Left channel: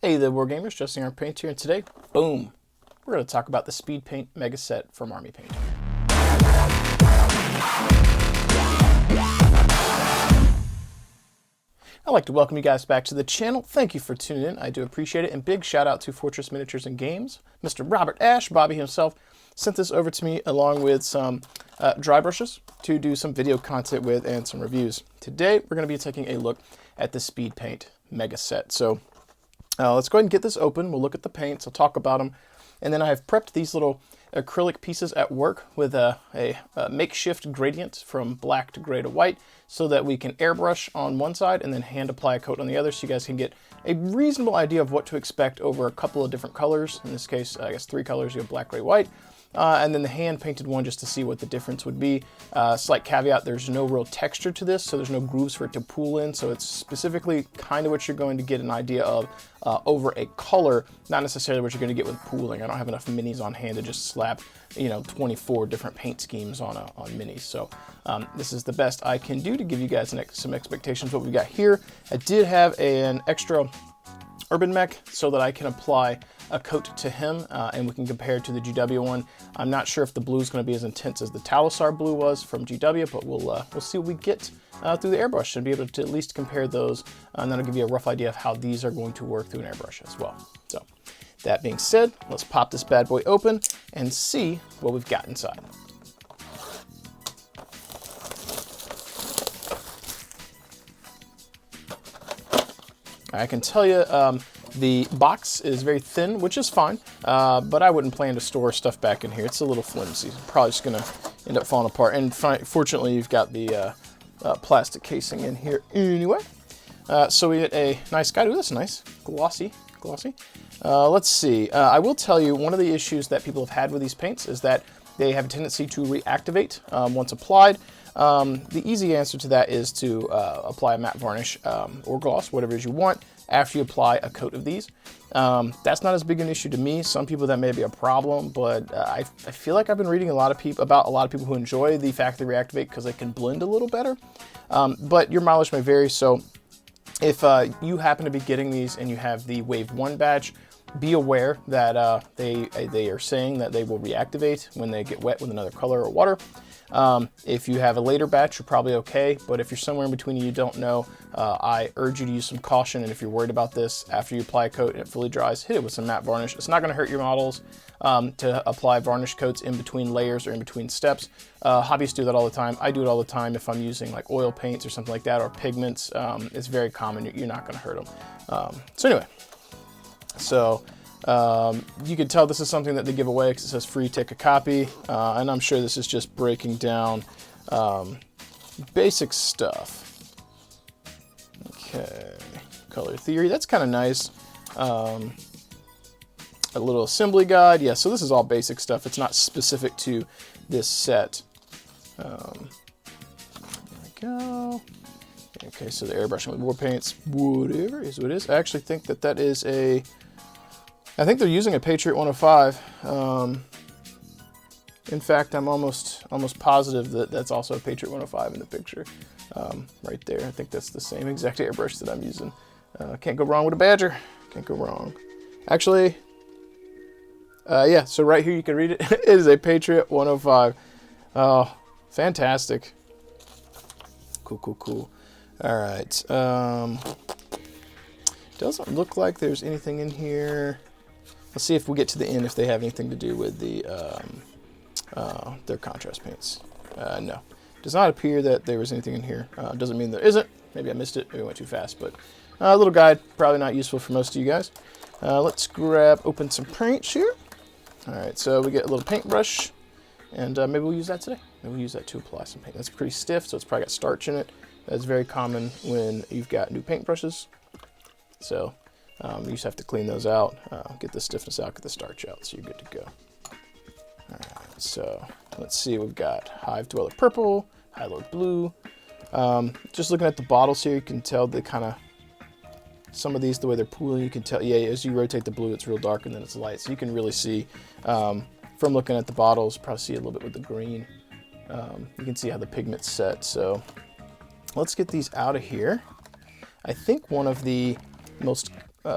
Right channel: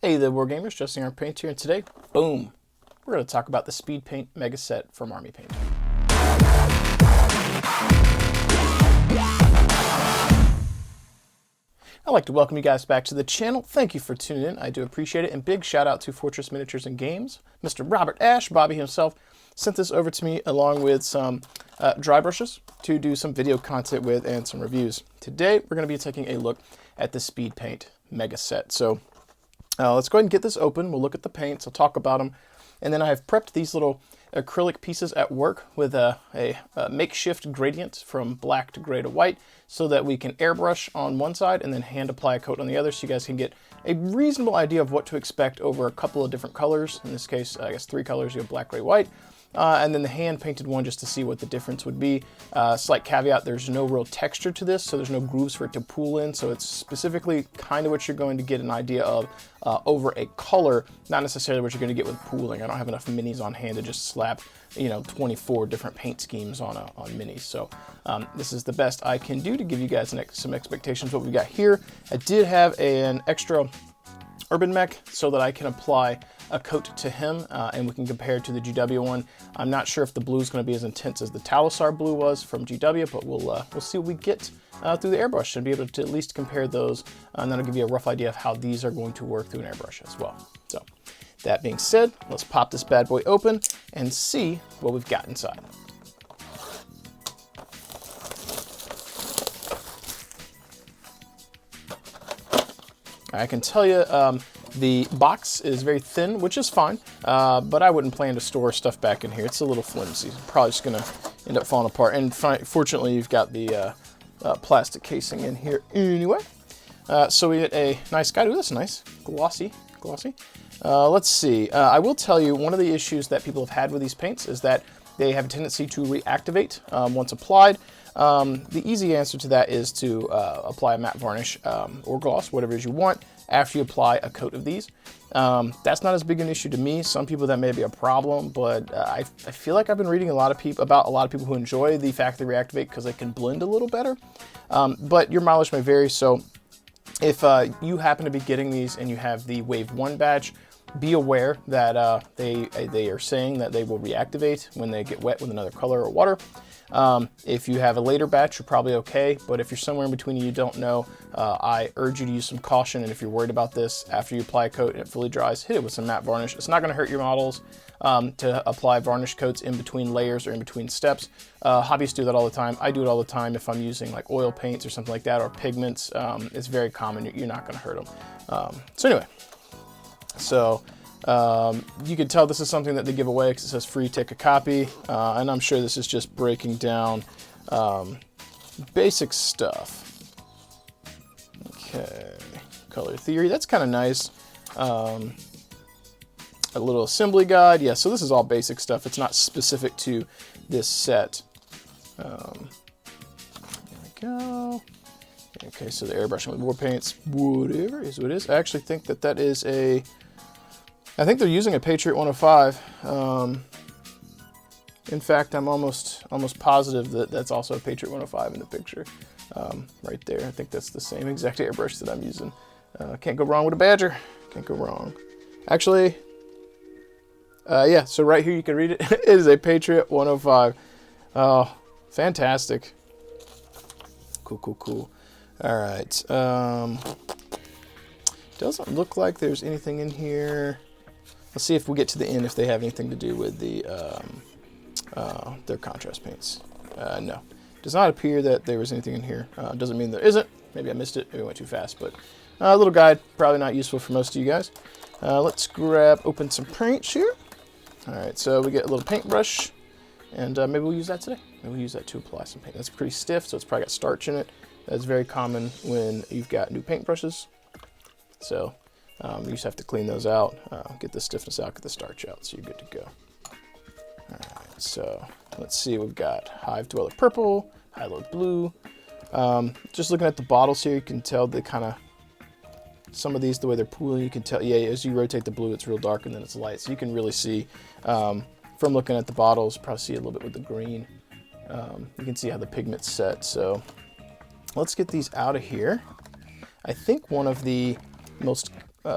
Hey there, Wargamers, Justin our Paint here, and today, boom, we're going to talk about the Speed Paint Mega Set from Army Paint. I'd like to welcome you guys back to the channel. Thank you for tuning in. I do appreciate it, and big shout out to Fortress Miniatures and Games. Mr. Robert Ash, Bobby himself, sent this over to me along with some dry brushes to do some video content with and some reviews. Today, we're going to be taking a look at the Speed Paint Mega Set. So let's go ahead and get this open. We'll look at the paints, I'll talk about them, and then I have prepped these little acrylic pieces at work with a makeshift gradient from black to gray to white so that we can airbrush on one side and then hand apply a coat on the other so you guys can get a reasonable idea of what to expect over a couple of different colors. In this case, I guess 3 colors. You have black, gray, white. And then the hand painted one just to see what the difference would be. Slight caveat, there's no real texture to this, so there's no grooves for it to pool in, so it's specifically kind of what you're going to get an idea of over a color, not necessarily what you're going to get with pooling. I don't have enough minis on hand to just slap, 24 different paint schemes on minis, so this is the best I can do to give you guys some expectations of what we got here. I did have an extra Urban Mech so that I can apply a coat to him and we can compare it to the GW one. I'm not sure if the blue is going to be as intense as the Talisar blue was from GW, but we'll see what we get through the airbrush and be able to at least compare those, and that'll give you a rough idea of how these are going to work through an airbrush as well. So that being said, let's pop this bad boy open and see what we've got inside. I can tell you the box is very thin, which is fine, but I wouldn't plan to store stuff back in here. It's a little flimsy. Probably just going to end up falling apart. And fortunately, you've got the plastic casing in here anyway. So we get a nice guide. Ooh, that's nice. Glossy. Let's see. I will tell you, one of the issues that people have had with these paints is that they have a tendency to reactivate once applied. The easy answer to that is to apply a matte varnish or gloss, whatever it is you want, after you apply a coat of these. That's not as big an issue to me. Some people that may be a problem, but I feel like I've been reading about a lot of people who enjoy the fact that they reactivate because they can blend a little better. But your mileage may vary, so if you happen to be getting these and you have the Wave 1 batch, be aware that they are saying that they will reactivate when they get wet with another color or water. If you have a later batch, you're probably okay, but if you're somewhere in between and you don't know, I urge you to use some caution, and if you're worried about this, after you apply a coat and it fully dries, hit it with some matte varnish. It's not going to hurt your models to apply varnish coats in between layers or in between steps. Hobbyists do that all the time. I do it all the time if I'm using like oil paints or something like that, or pigments. It's very common. You're not going to hurt them. So anyway, you can tell this is something that they give away because it says free, take a copy, and I'm sure this is just breaking down basic stuff. Okay, color theory, that's kind of nice. A little assembly guide, yeah, so this is all basic stuff. It's not specific to this set. There we go. Okay, so the airbrushing with war paints, whatever is what it is. I actually think that is I think they're using a Patriot 105. In fact, I'm almost positive that that's also a Patriot 105 in the picture. Right there. I think that's the same exact airbrush that I'm using. Can't go wrong with a Badger. Can't go wrong. Actually, yeah, so right here you can read it. It is a Patriot 105. Oh, fantastic. Cool. All right. Doesn't look like there's anything in here. Let's see if we get to the end if they have anything to do with the their contrast paints. No, does not appear that there was anything in here. Doesn't mean there isn't. Maybe I missed it. Maybe I went too fast, but a little guide, probably not useful for most of you guys. Let's open some paints here. All right, so we get a little paintbrush, and maybe we'll use that today. Maybe we'll use that to apply some paint. That's pretty stiff, so it's probably got starch in it. That's very common when you've got new paintbrushes. So you just have to clean those out, get the stiffness out, get the starch out, so you're good to go. All right, so let's see, we've got Hive Dweller Purple, Highload Blue. Just looking at the bottles here, you can tell the kind of, some of these, the way they're pooling, you can tell, yeah, as you rotate the blue, it's real dark and then it's light. So you can really see, from looking at the bottles, probably see a little bit with the green. You can see how the pigment's set. So let's get these out of here. I think one of the most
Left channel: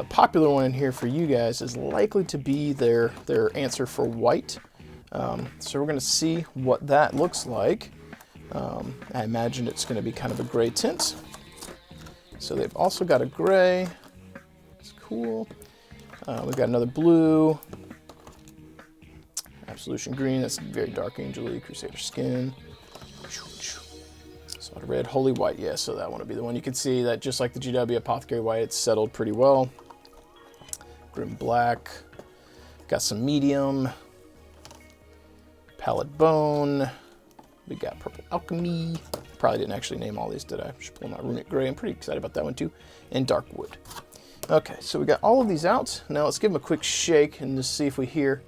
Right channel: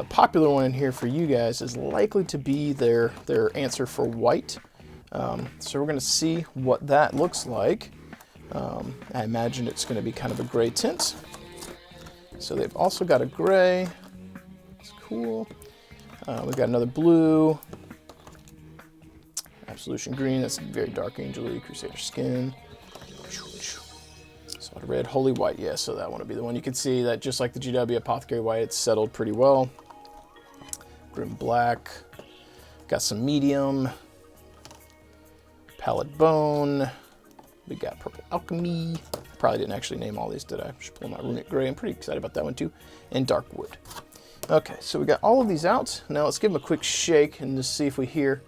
popular one in here for you guys is likely to be their answer for white. So we're going to see what that looks like. I imagine it's going to be kind of a gray tint. So they've also got a gray. It's cool. We've got another blue. Absolution green. That's very dark angel-y. Crusader skin. Solid red. Holy white. Yeah, so that one would be the one. You can see that just like the GW Apothecary white, it's settled pretty well. Grim black. Got some medium. Pallid bone. We got purple alchemy. Probably didn't actually name all these, did I? Should pull my runic gray. I'm pretty excited about that one too. And dark wood. Okay, so we got all of these out. Now let's give them a quick shake and just see if we hear.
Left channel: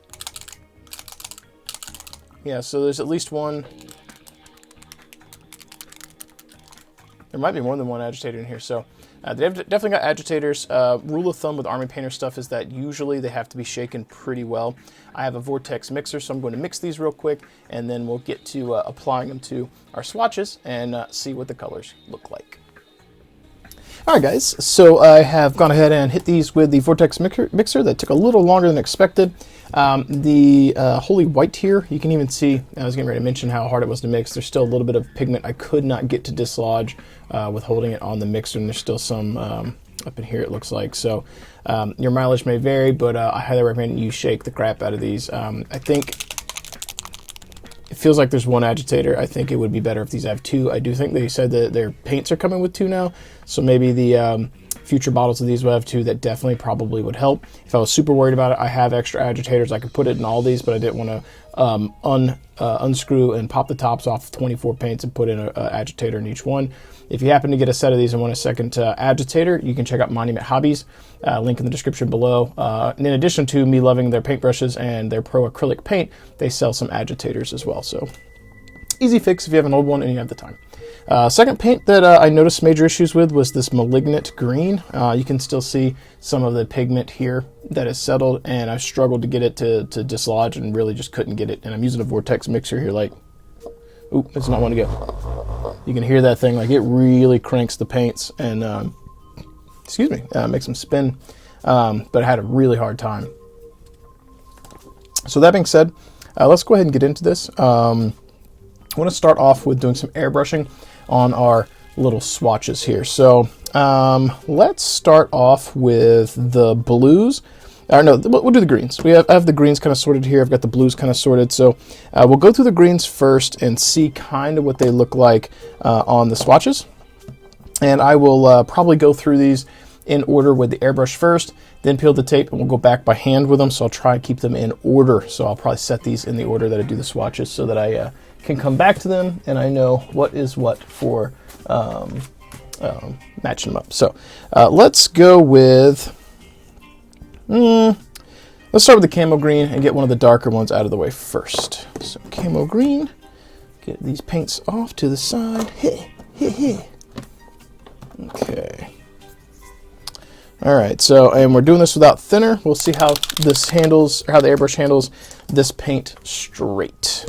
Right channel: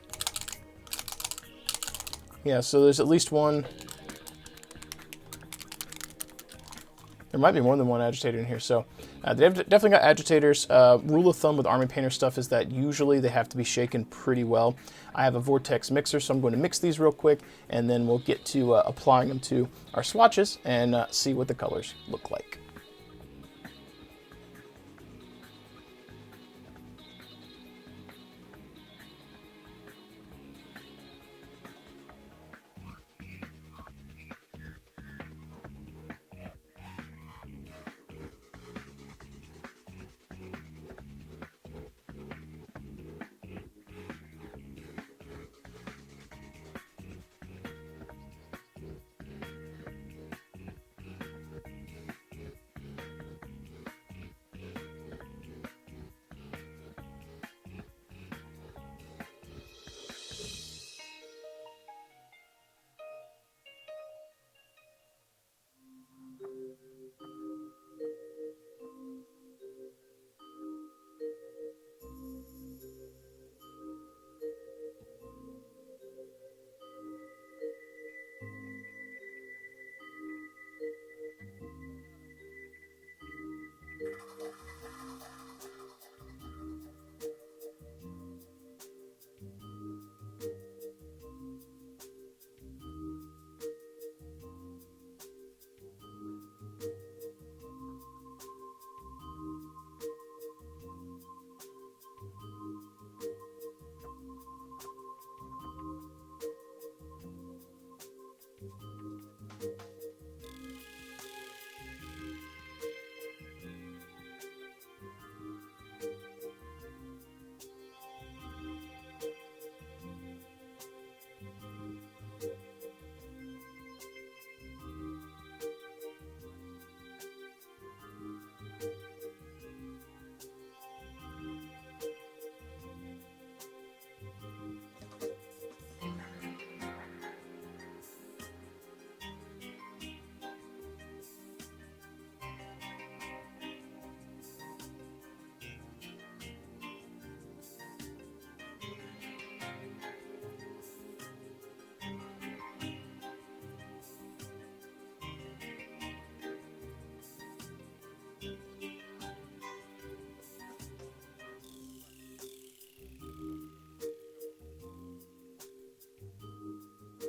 Yeah, so there's at least one. There might be more than one agitator in here. So they've definitely got agitators. Rule of thumb with Army Painter stuff is that usually they have to be shaken pretty well. I have a Vortex mixer, so I'm going to mix these real quick, and then we'll get to applying them to our swatches and see what the colors look like. All right, guys, so I have gone ahead and hit these with the Vortex mixer. That took a little longer than expected. The Holy White here, you can even see, I was getting ready to mention how hard it was to mix. There's still a little bit of pigment I could not get to dislodge with holding it on the mixer, and there's still some up in here, it looks like. So your mileage may vary, but I highly recommend you shake the crap out of these. I think it feels like there's one agitator. I think it would be better if these have two. I do think they said that their paints are coming with two now, so maybe the future bottles of these will have two. That definitely probably would help. If I was super worried about it, I have extra agitators. I could put it in all these, but I didn't want to unscrew and pop the tops off 24 paints and put in an agitator in each one. If you happen to get a set of these and want a second agitator, you can check out Monument Hobbies, link in the description below. And in addition to me loving their paintbrushes and their pro acrylic paint, they sell some agitators as well. So easy fix if you have an old one and you have the time. Second paint that I noticed major issues with was this Malignant Green. You can still see some of the pigment here that is settled, and I struggled to get it to dislodge and really just couldn't get it. And I'm using a Vortex mixer here, like, oop, it's not one to go. You can hear that thing, like it really cranks the paints and, excuse me, makes them spin, but I had a really hard time. So that being said, let's go ahead and get into this. I want to start off with doing some airbrushing on our little swatches here. So let's start off with the blues. No, we'll do the greens. I have the greens kind of sorted here. I've got the blues kind of sorted. So we'll go through the greens first and see kind of what they look like on the swatches. And I will probably go through these in order with the airbrush first, then peel the tape, and we'll go back by hand with them. So I'll try and keep them in order. So I'll probably set these in the order that I do the swatches so that I can come back to them and I know what is what for matching them up. So let's go with, let's start with the camo green and get one of the darker ones out of the way first. So camo green, get these paints off to the side. Okay. All right, so, and we're doing this without thinner. We'll see how this handles, or how the airbrush handles this paint straight.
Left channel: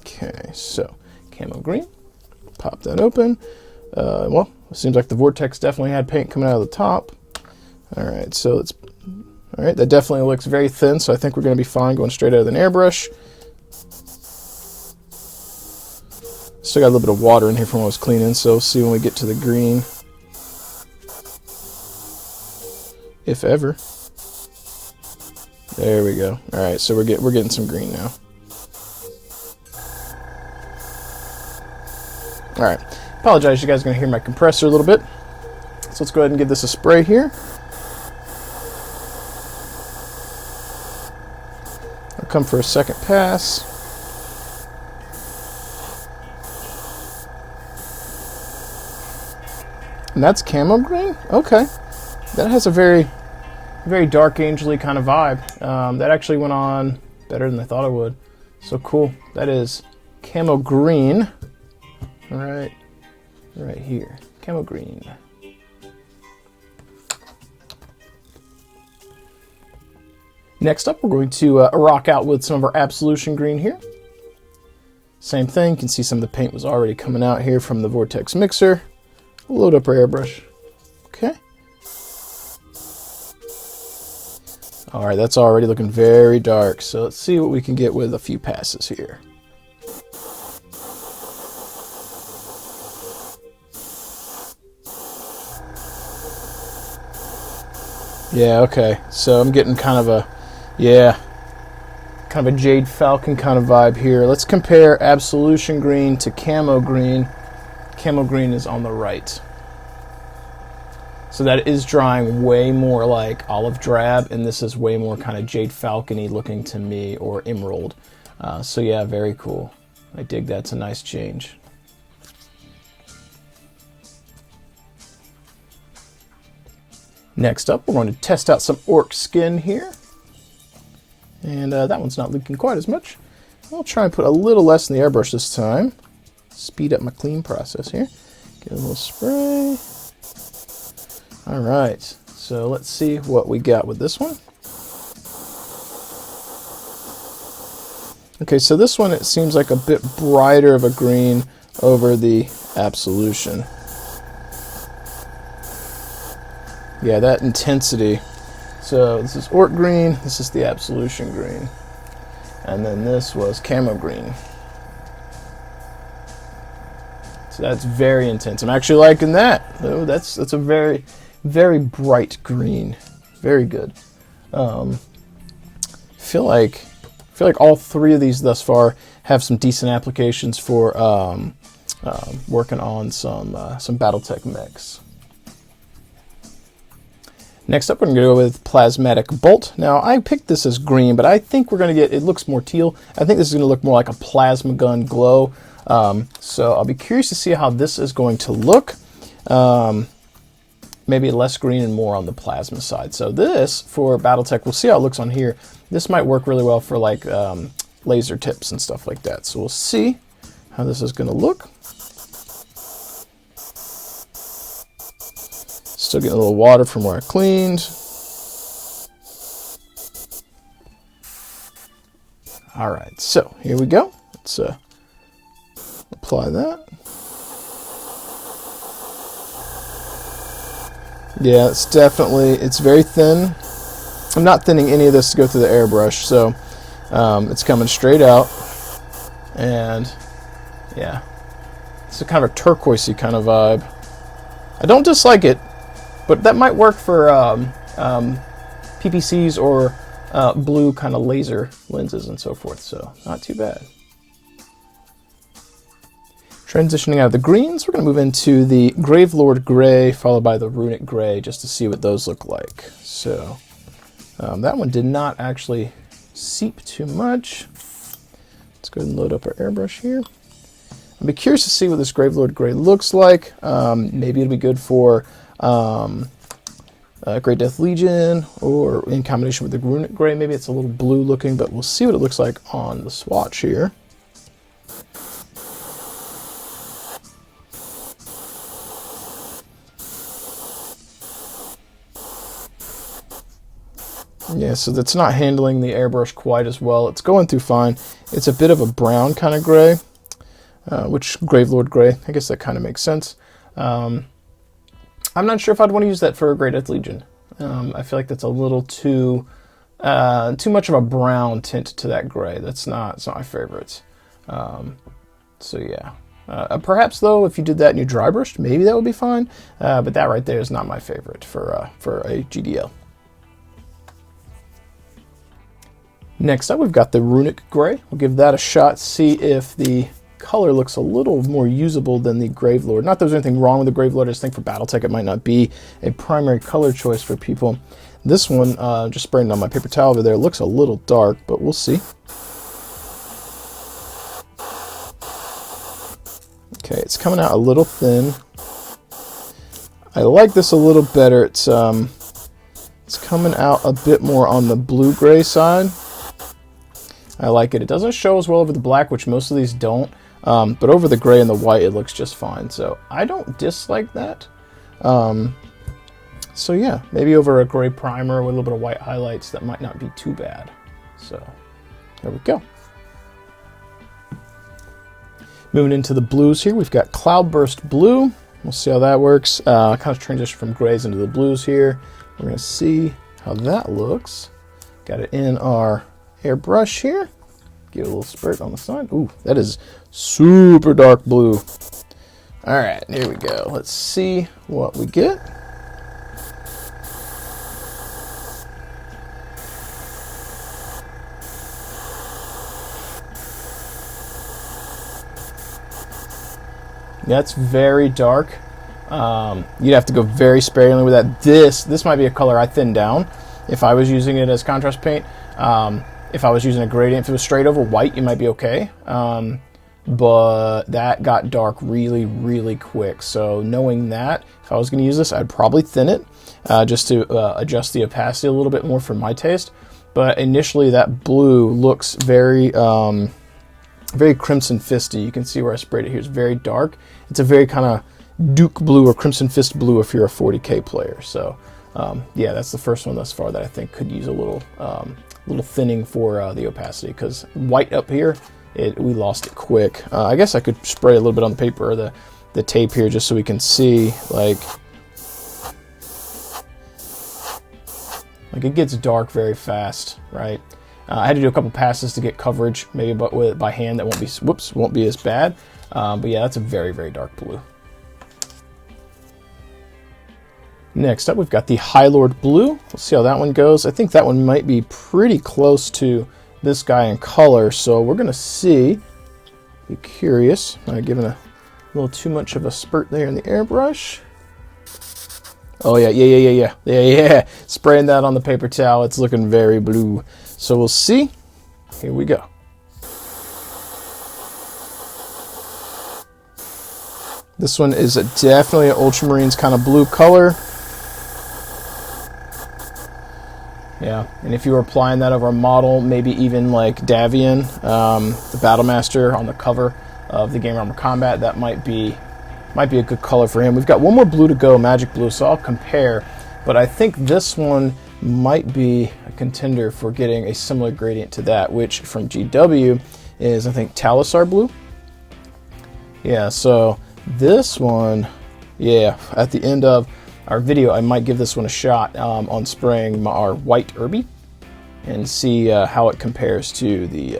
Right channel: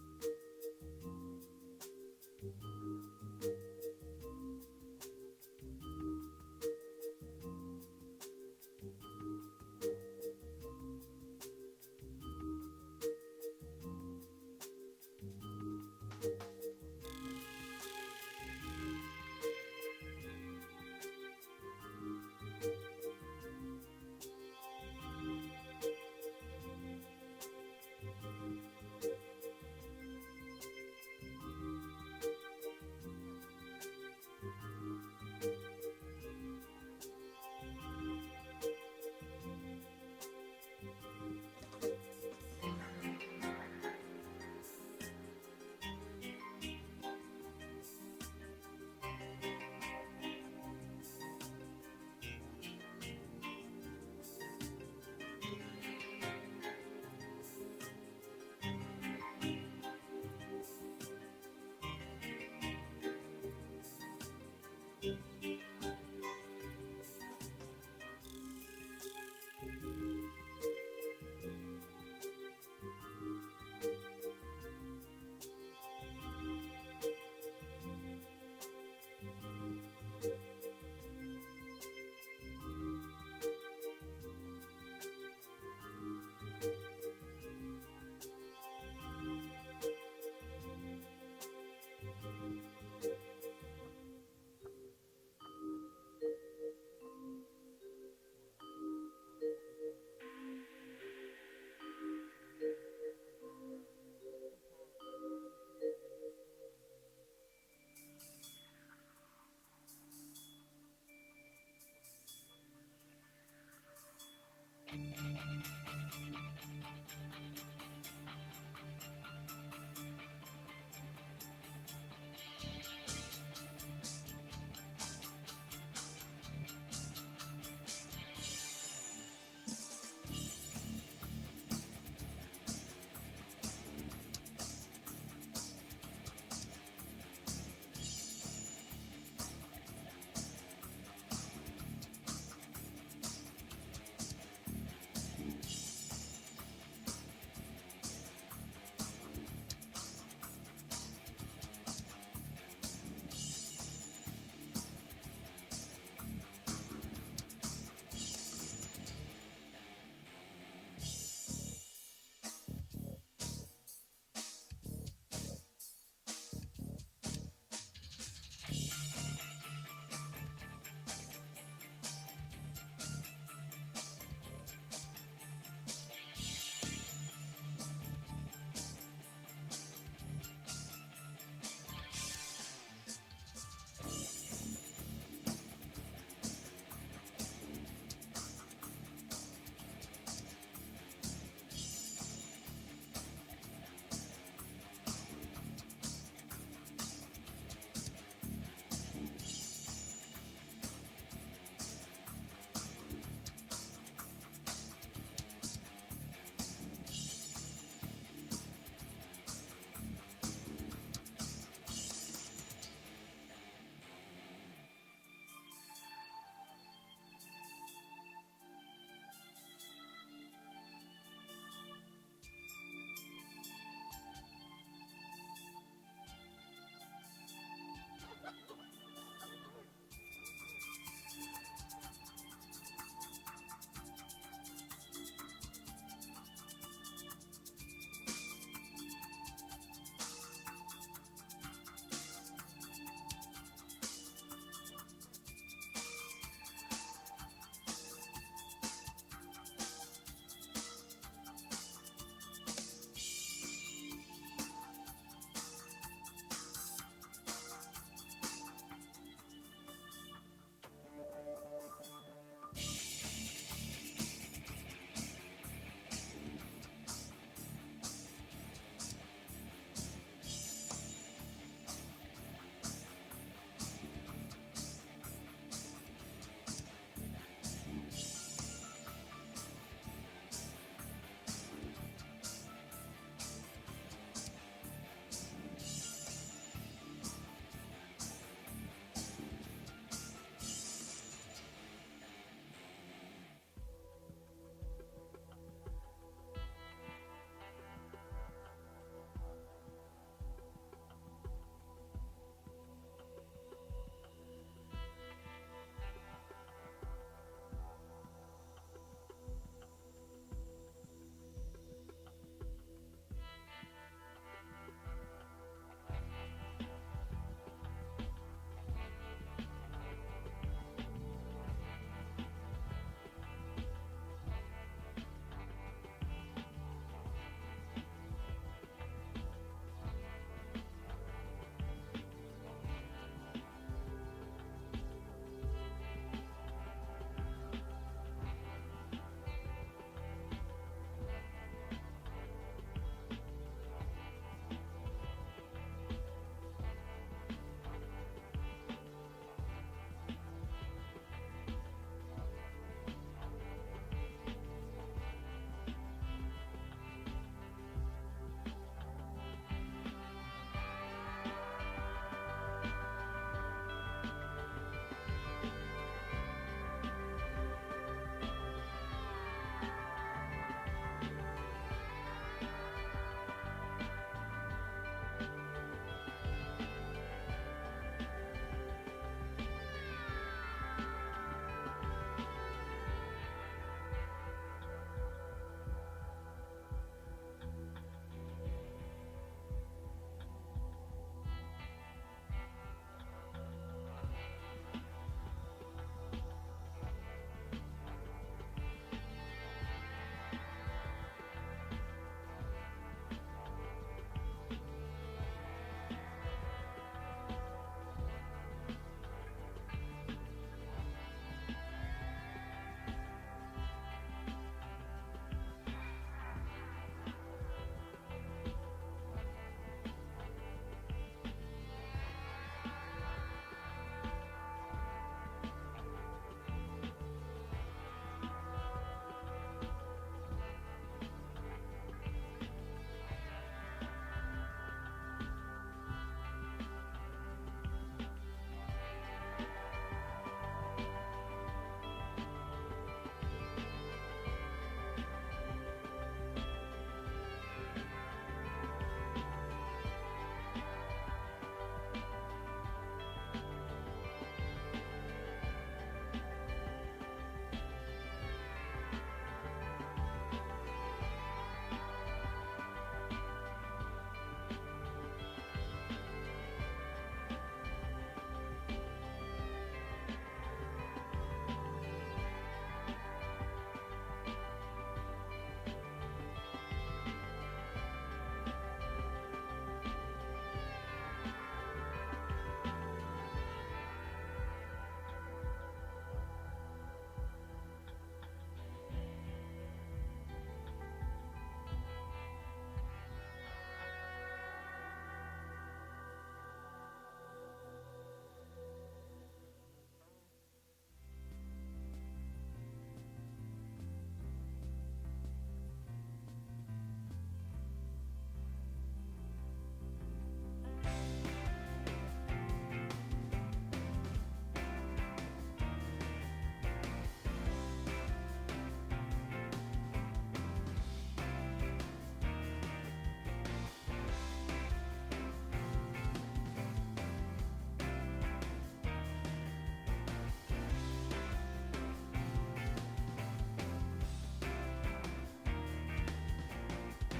Okay, so camo green, pop that open. Well, it seems like the Vortex definitely had paint coming out of the top. All right, so it's, all right, that definitely looks very thin, so I think we're gonna be fine going straight out of an airbrush. Still got a little bit of water in here from when I was cleaning, so we'll see when we get to the green. If ever. There we go. All right, so we're getting some green now. All right, apologize, you guys are gonna hear my compressor a little bit. So let's go ahead and give this a spray here. I'll come for a second pass. And that's camo green? Okay. That has a very, very dark angel-y kind of vibe. That actually went on better than I thought it would. So cool. That is camo green. All right, right here, camo green. Next up, we're going to rock out with some of our Absolution green here. Same thing, you can see some of the paint was already coming out here from the Vortex mixer. Load up our airbrush. All right, that's already looking very dark. So let's see what we can get with a few passes here. Yeah, okay. So I'm getting kind of a, kind of a Jade Falcon kind of vibe here. Let's compare Absolution Green to Camo Green. Camo Green is on the right. So that is drying way more like Olive Drab, and this is way more kind of Jade Falcon-y looking to me, or Emerald. So yeah, very cool. I dig that. It's a nice change. Next up, we're going to test out some Orc Skin here. And that one's not leaking quite as much. I'll try and put a little less in the airbrush this time. Speed up my clean process here. Give it a little spray. All right, so let's see what we got with this one. Okay, so this one, it seems like a bit brighter of a green over the Absolution. Yeah, that intensity. So this is Orc Green, this is the Absolution Green. And then this was Camo Green. So that's very intense. I'm actually liking that. Oh, that's a very, very bright green. Very good. I feel like all three of these thus far have some decent applications for working on some Battletech mechs. Next up, we're going to go with Plasmatic Bolt. Now, I picked this as green, but I think we're going to get, it looks more teal. I think this is going to look more like a plasma gun glow. So I'll be curious to see how this is going to look. Maybe less green and more on the plasma side. So this, for Battletech, we'll see how it looks on here. This might work really well for like laser tips and stuff like that. So we'll see how this is going to look. Still getting a little water from where I cleaned. All right, so here we go. Let's apply that. Yeah, it's definitely, it's very thin. I'm not thinning any of this to go through the airbrush, so it's coming straight out. And yeah, it's a kind of a turquoisey kind of vibe. I don't dislike it, but that might work for PPCs or blue kind of laser lenses and so forth, so not too bad. Transitioning out of the greens, we're going to move into the Gravelord Gray, followed by the Runic Gray, just to see what those look like. So that one did not actually seep too much. Let's go ahead and load up our airbrush here. I'll be curious to see what this Gravelord Gray looks like. Maybe it'll be good for Great Death Legion, or in combination with the Runic Gray. Maybe it's a little blue looking, but we'll see what it looks like on the swatch here. Yeah, so that's not handling the airbrush quite as well. It's going through fine. It's a bit of a brown kind of gray, which Gravelord Gray, I guess that kind of makes sense. I'm not sure if I'd want to use that for a Great Death Legion. I feel like that's a little too much of a brown tint to that gray. It's not my favorite. So yeah. Perhaps though, if you did that and you dry brushed, maybe that would be fine. But that right there is not my favorite for a GDL. Next up, we've got the Runic Gray. We'll give that a shot, see if the color looks a little more usable than the Gravelord. Not that there's anything wrong with the Gravelord, I just think for Battletech it might not be a primary color choice for people. This one, just spraying on my paper towel over there, looks a little dark, but we'll see. Okay, it's coming out a little thin. I like this a little better. It's coming out a bit more on the blue-gray side. I like it. It doesn't show as well over the black, which most of these don't, but over the gray and the white, it looks just fine. So I don't dislike that. So yeah, maybe over a gray primer with a little bit of white highlights, that might not be too bad. So there we go. Moving into the blues here, we've got Cloudburst Blue. We'll see how that works. Kind of transition from grays into the blues here. We're going to see how that looks. Got it in our airbrush here. Give it a little spurt on the side. Ooh, that is super dark blue. All right, here we go. Let's see what we get. That's very dark. You'd have to go very sparingly with that. This might be a color I thin down if I was using it as contrast paint. If I was using a gradient, if it was straight over white, you might be okay. But that got dark really, really quick. So knowing that, if I was going to use this, I'd probably thin it just to adjust the opacity a little bit more for my taste. But initially, that blue looks very, very Crimson Fisty. You can see where I sprayed it here. It's very dark. It's a very kind of Duke blue or Crimson Fist blue if you're a 40K player. So yeah, that's the first one thus far that I think could use a little thinning for the opacity, because white up here, we lost it quick. I guess I could spray a little bit on the paper or the tape here just so we can see, like it gets dark very fast, right? I had to do a couple passes to get coverage, maybe, but by hand that won't be as bad. But yeah, that's a very, very dark blue. Next up, we've got the High Lord Blue. Let's see how that one goes. I think that one might be pretty close to this guy in color, so we're gonna see. Be curious. Am I giving a little too much of a spurt there in the airbrush? Oh yeah. Spraying that on the paper towel. It's looking very blue. So we'll see. Here we go. This one is definitely an Ultramarines kind of blue color. Yeah, and if you were applying that over a model, maybe even like Davian, the Battlemaster on the cover of the Game Armor Combat, that might be a good color for him. We've got one more blue to go, Magic Blue, so I'll compare. But I think this one might be a contender for getting a similar gradient to that, which from GW is, I think, Talisar Blue. Yeah, so this one, yeah, at the end of our video, I might give this one a shot on spraying our white Irby and see how it compares to the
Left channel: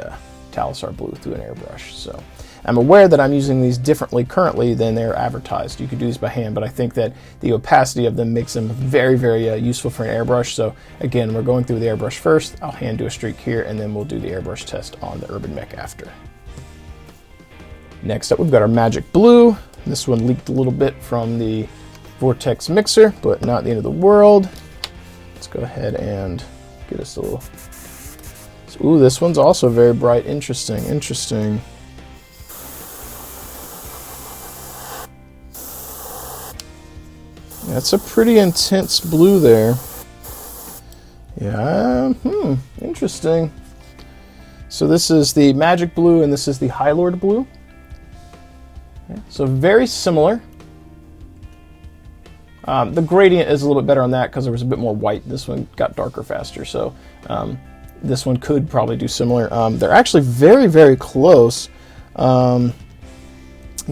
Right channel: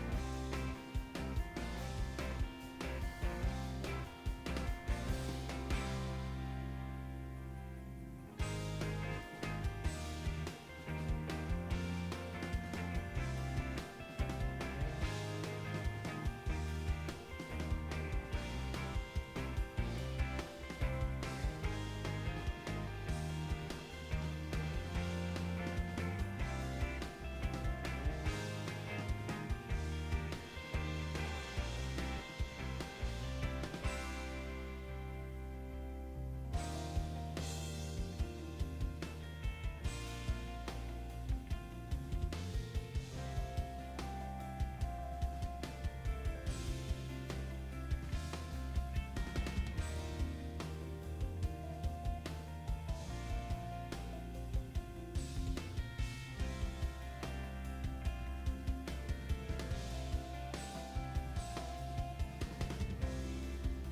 Talisar Blue through an airbrush. So I'm aware that I'm using these differently currently than they're advertised. You could do these by hand, but I think that the opacity of them makes them very, very useful for an airbrush. So again, we're going through the airbrush first. I'll hand do a streak here, and then we'll do the airbrush test on the Urban Mech after. Next up, we've got our Magic Blue. This one leaked a little bit from the Vortex mixer, but not the end of the world. Let's go ahead and get us a little. Ooh, this one's also very bright. Interesting. That's a pretty intense blue there. Yeah, interesting. So this is the Magic Blue and this is the High Lord Blue. So very similar. The gradient is a little bit better on that because there was a bit more white. This one got darker faster, so this one could probably do similar. They're actually very, very close. Yeah,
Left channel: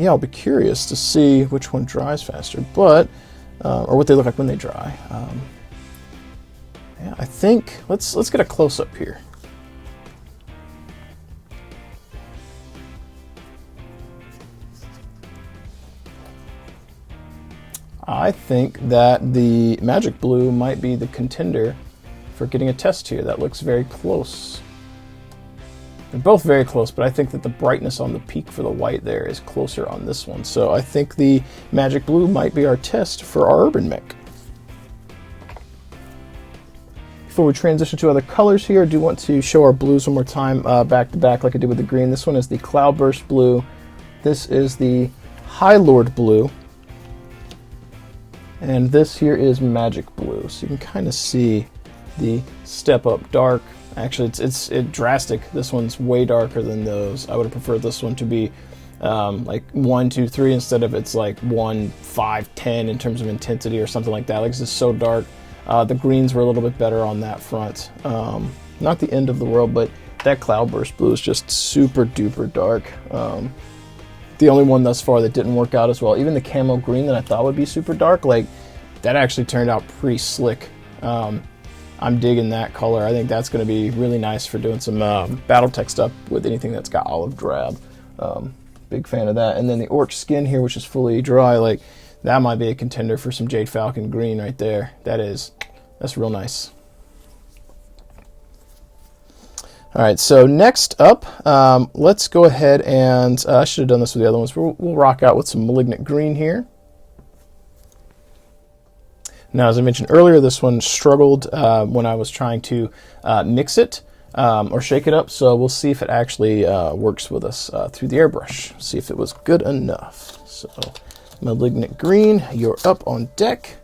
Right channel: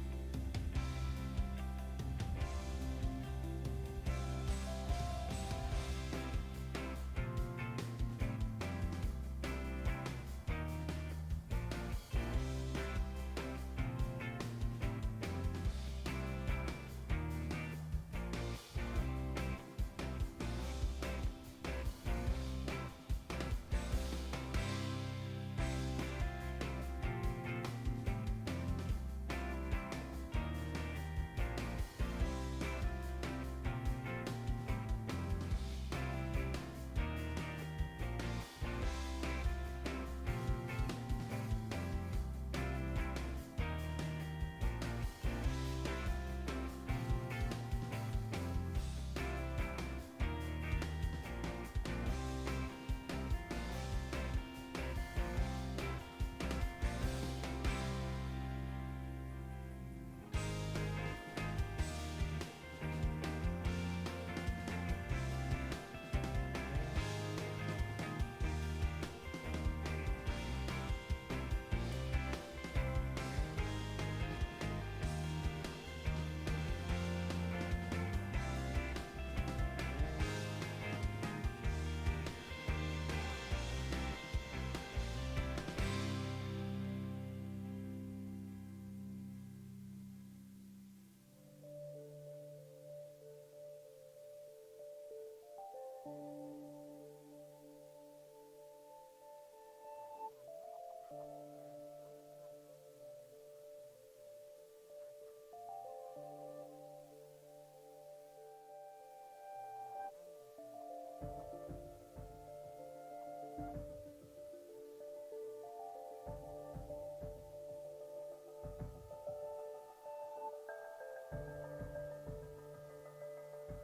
I'll be curious to see which one dries faster, but or what they look like when they dry. Yeah, I think let's get a close up here. I think that the Magic Blue might be the contender for getting a test here. That looks very close. They're both very close, but I think that the brightness on the peak for the white there is closer on this one. So I think the Magic Blue might be our test for our Urban Mech. Before we transition to other colors here, I do want to show our blues one more time back to back like I did with the green. This one is the Cloudburst Blue. This is the High Lord Blue. And this here is Magic Blue. So you can kind of see the step up dark. Actually, it's drastic. This one's way darker than those. I would have preferred this one to be like 1, 2, 3 instead of it's like 1, 5, 10 in terms of intensity or something like that. Like, this is so dark. The greens were a little bit better on that front. Not the end of the world, but that Cloudburst Blue is just super duper dark. The only one thus far that didn't work out as well. Even the camo green that I thought would be super dark, like, that actually turned out pretty slick. I'm digging that color. I think that's going to be really nice for doing some Battletech stuff with anything that's got olive drab. Big fan of that. And then the orc skin here, which is fully dry, like that might be a contender for some Jade Falcon green right there. That's real nice. All right, so next up, let's go ahead and I should have done this with the other ones. We'll rock out with some Malignant Green here. Now, as I mentioned earlier, this one struggled when I was trying to mix it or shake it up, so we'll see if it actually works with us through the airbrush. See if it was good enough. So, Malignant Green, you're up on deck.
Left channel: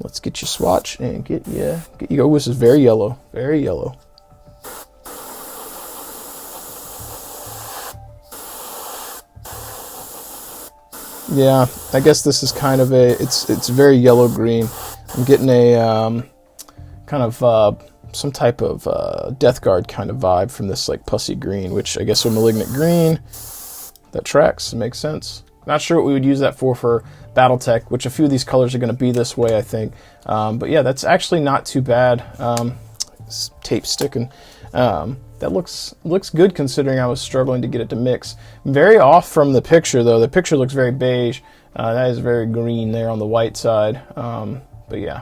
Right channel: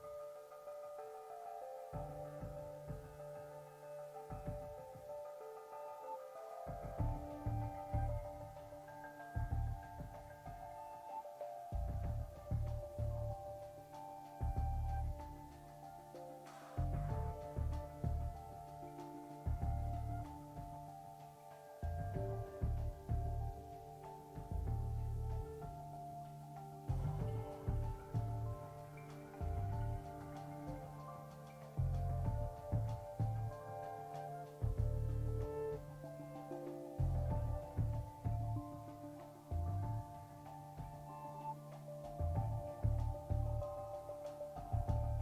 Let's get your swatch and get you. Oh, this is very yellow, very yellow. Yeah, I guess this is kind of it's very yellow green. I'm getting a kind of some type of Death Guard kind of vibe from this like pussy green, which I guess with Malignant Green, that tracks, it makes sense. Not sure what we would use that for Battletech, which a few of these colors are going to be this way, I think. But yeah, that's actually not too bad. Tape sticking. That looks good considering I was struggling to get it to mix. Very off from the picture though. The picture looks very beige. That is very green there on the white side. But yeah.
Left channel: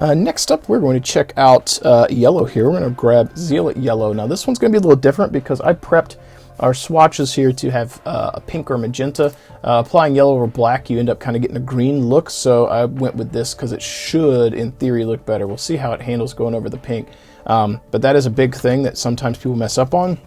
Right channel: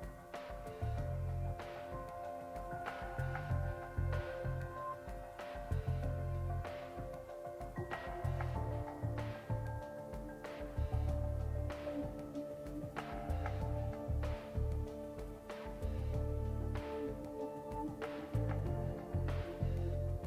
Next up, we're going to check out yellow here. We're going to grab Zealot Yellow. Now this one's going to be a little different because I prepped our swatches here to have a pink or magenta. Applying yellow over black, you end up kind of getting a green look, so I went with this because it should, in theory, look better. We'll see how it handles going over the pink. But that is a big thing that sometimes people mess up on.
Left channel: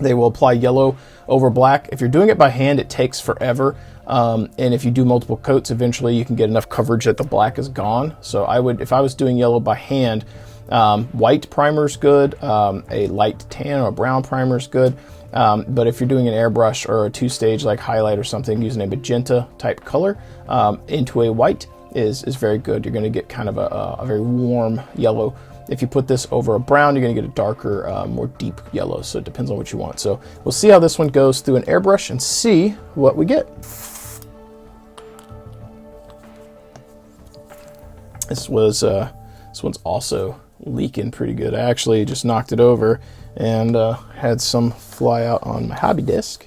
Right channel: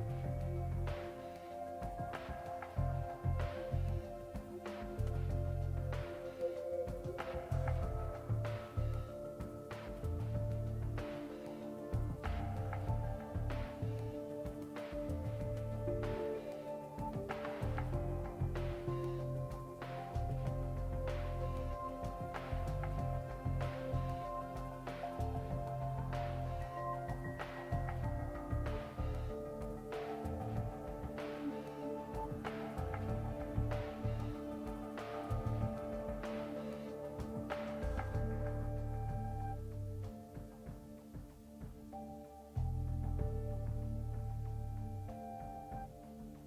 They will apply yellow over black. If you're doing it by hand, it takes forever. And if you do multiple coats, eventually you can get enough coverage that the black is gone. So I would, if I was doing yellow by hand, white primer is good, a light tan or a brown primer is good. But if you're doing an airbrush or a two-stage like highlight or something, using a magenta type color into a white is very good. You're going to get kind of a very warm yellow. If you put this over a brown, you're going to get a darker, more deep yellow. So it depends on what you want. So we'll see how this one goes through an airbrush and see what we get. This one's also leaking pretty good. I actually just knocked it over and had some fly out on my hobby desk.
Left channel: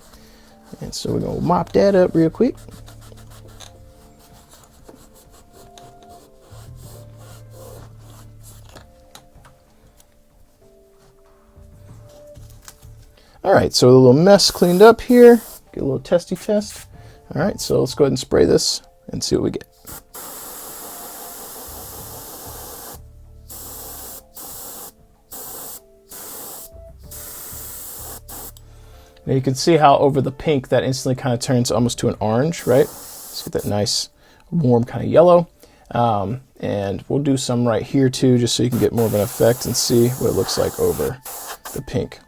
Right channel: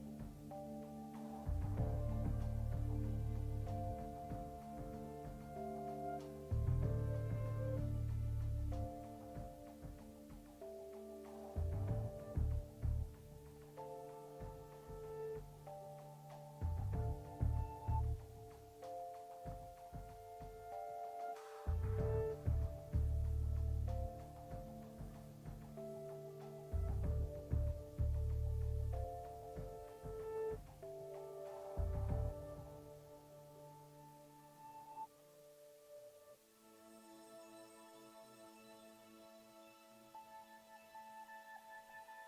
And so we're going to mop that up real quick. All right, so a little mess cleaned up here. Get a little testy test. All right, so let's go ahead and spray this and see what we get. Now you can see how over the pink that instantly kind of turns almost to an orange, right? Let's get that nice warm kind of yellow. And we'll do some right here too, just so you can get more of an effect and see what it looks like over the pink.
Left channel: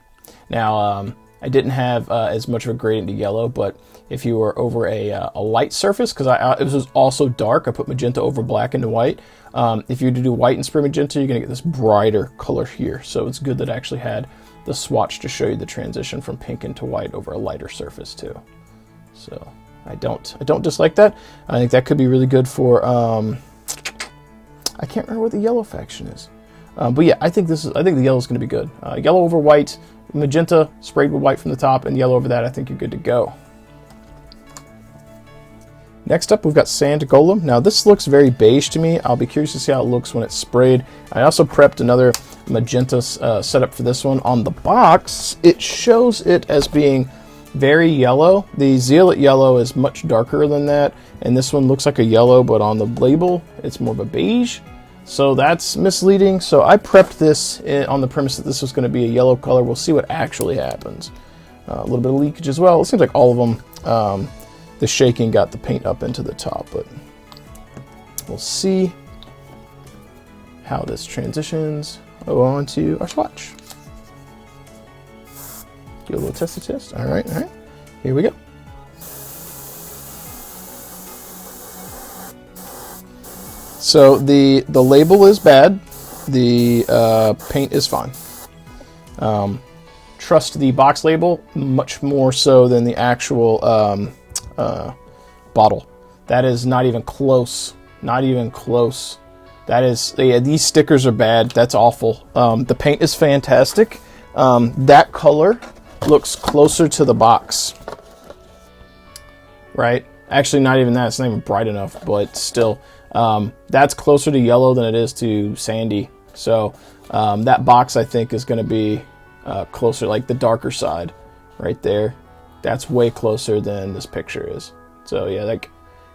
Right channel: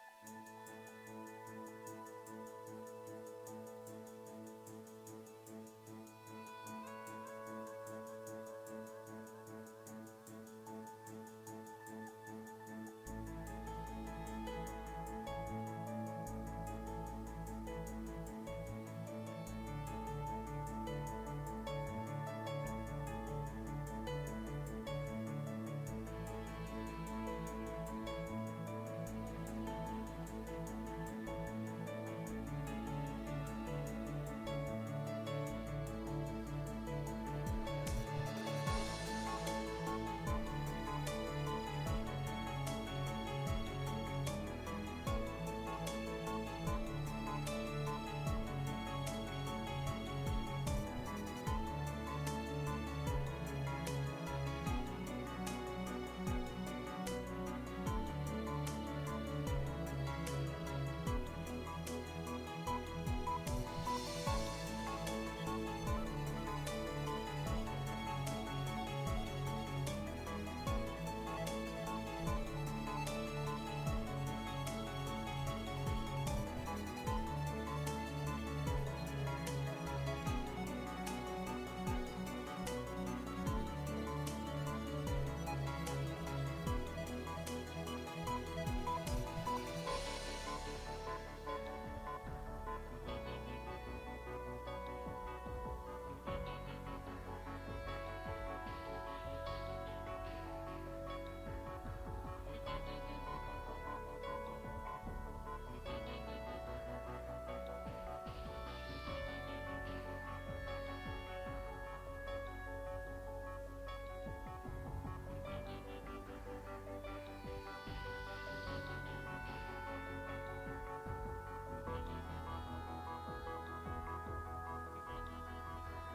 Now, I didn't have as much of a gradient to yellow, but if you were over a light surface, because it was also dark, I put magenta over black into white. If you were to do white and spray magenta, you're gonna get this brighter color here. So it's good that I actually had the swatch to show you the transition from pink into white over a lighter surface too. So I don't dislike that. I think that could be really good for, I can't remember what the yellow faction is. But yeah, I think the yellow is going to be good. Yellow over white, magenta sprayed with white from the top, and yellow over that. I think you're good to go. Next up, we've got Sand Golem. Now this looks very beige to me. I'll be curious to see how it looks when it's sprayed. I also prepped another magenta setup for this one. On the box, it shows it as being very yellow. The Zealot Yellow is much darker than that, and this one looks like a yellow, but on the label, it's more of a beige. So that's misleading. So I prepped this on the premise that this was going to be a yellow color. We'll see what actually happens. A little bit of leakage as well. It seems like all of them, the shaking got the paint up into the top, but we'll see how this transitions onto our swatch. Do a little testy test. All right. Here we go. So the label is bad. The paint is fine. Trust the box label much more so than the actual bottle. That is not even close Not even close. That is, yeah, these stickers are bad. That's awful. The paint is fantastic. That color looks closer to the box, right? Actually, not even that. It's not even bright enough, but still, that's closer to yellow than it is to sandy. So that box, I think, is going to be closer, like the darker side right there. That's way closer than this picture is. So yeah, like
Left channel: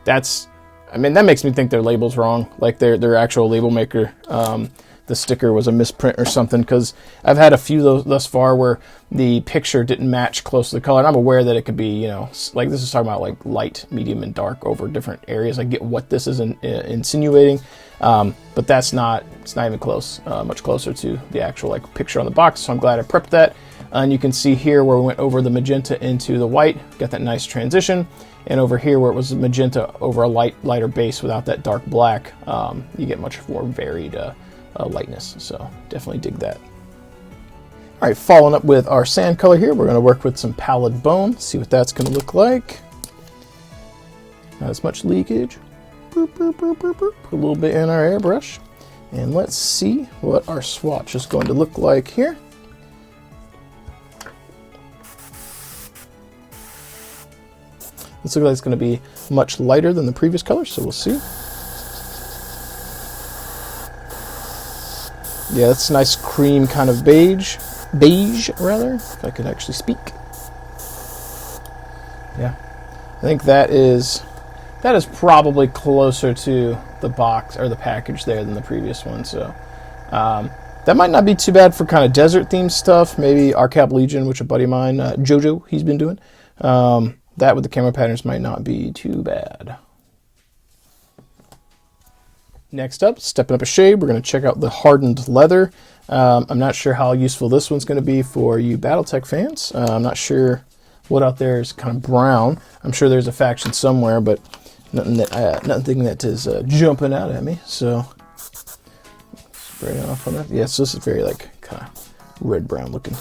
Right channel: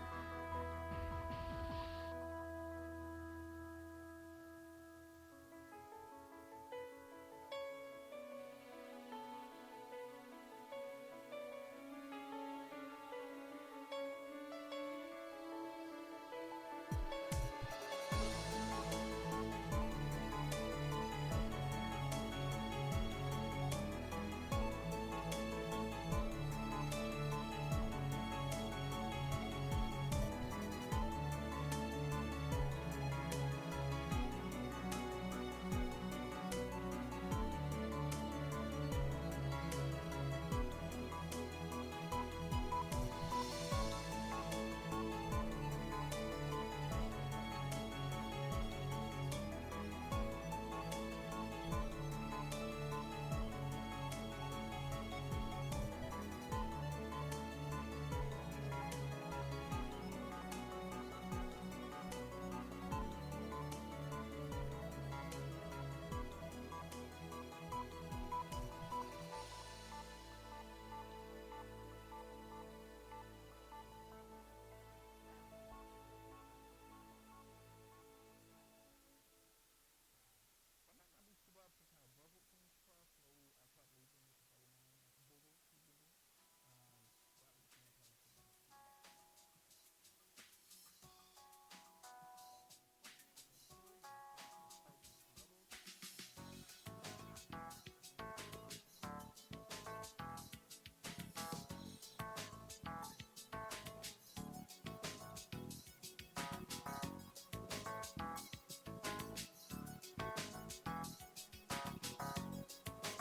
that's, I mean, that makes me think their label's wrong. Like their actual label maker, the sticker was a misprint or something, because I've had a few thus far where the picture didn't match close to the color. And I'm aware that it could be, you know, like this is talking about like light, medium, and dark over different areas. I get what this is insinuating, but that's not, it's not even close, much closer to the actual like picture on the box. So I'm glad I prepped that. And you can see here where we went over the magenta into the white, got that nice transition. And over here where it was magenta over a lighter base without that dark black, you get much more varied lightness. So definitely dig that. All right, following up with our sand color here, we're going to work with some pallid bone, see what that's going to look like. Not as much leakage. Boop, boop, boop, boop, boop. Put a little bit in our airbrush. And let's see what our swatch is going to look like here. This looks like it's going to be much lighter than the previous color, so we'll see. Yeah, that's a nice cream kind of beige rather, if I could actually speak. Yeah, I think that is probably closer to the box or the package there than the previous one. So that might not be too bad for kind of desert themed stuff. Maybe Arcab Legion, which a buddy of mine, Jojo, he's been doing. That with the camera patterns might not be too bad. Next up, stepping up a shade, we're going to check out the Hardened Leather. I'm not sure how useful this one's going to be for you Battletech fans. I'm not sure what out there is kind of brown. I'm sure there's a faction somewhere, but nothing that is jumping out at me. So, spray it off on it. Yeah, so this is very like kind of red-brown looking.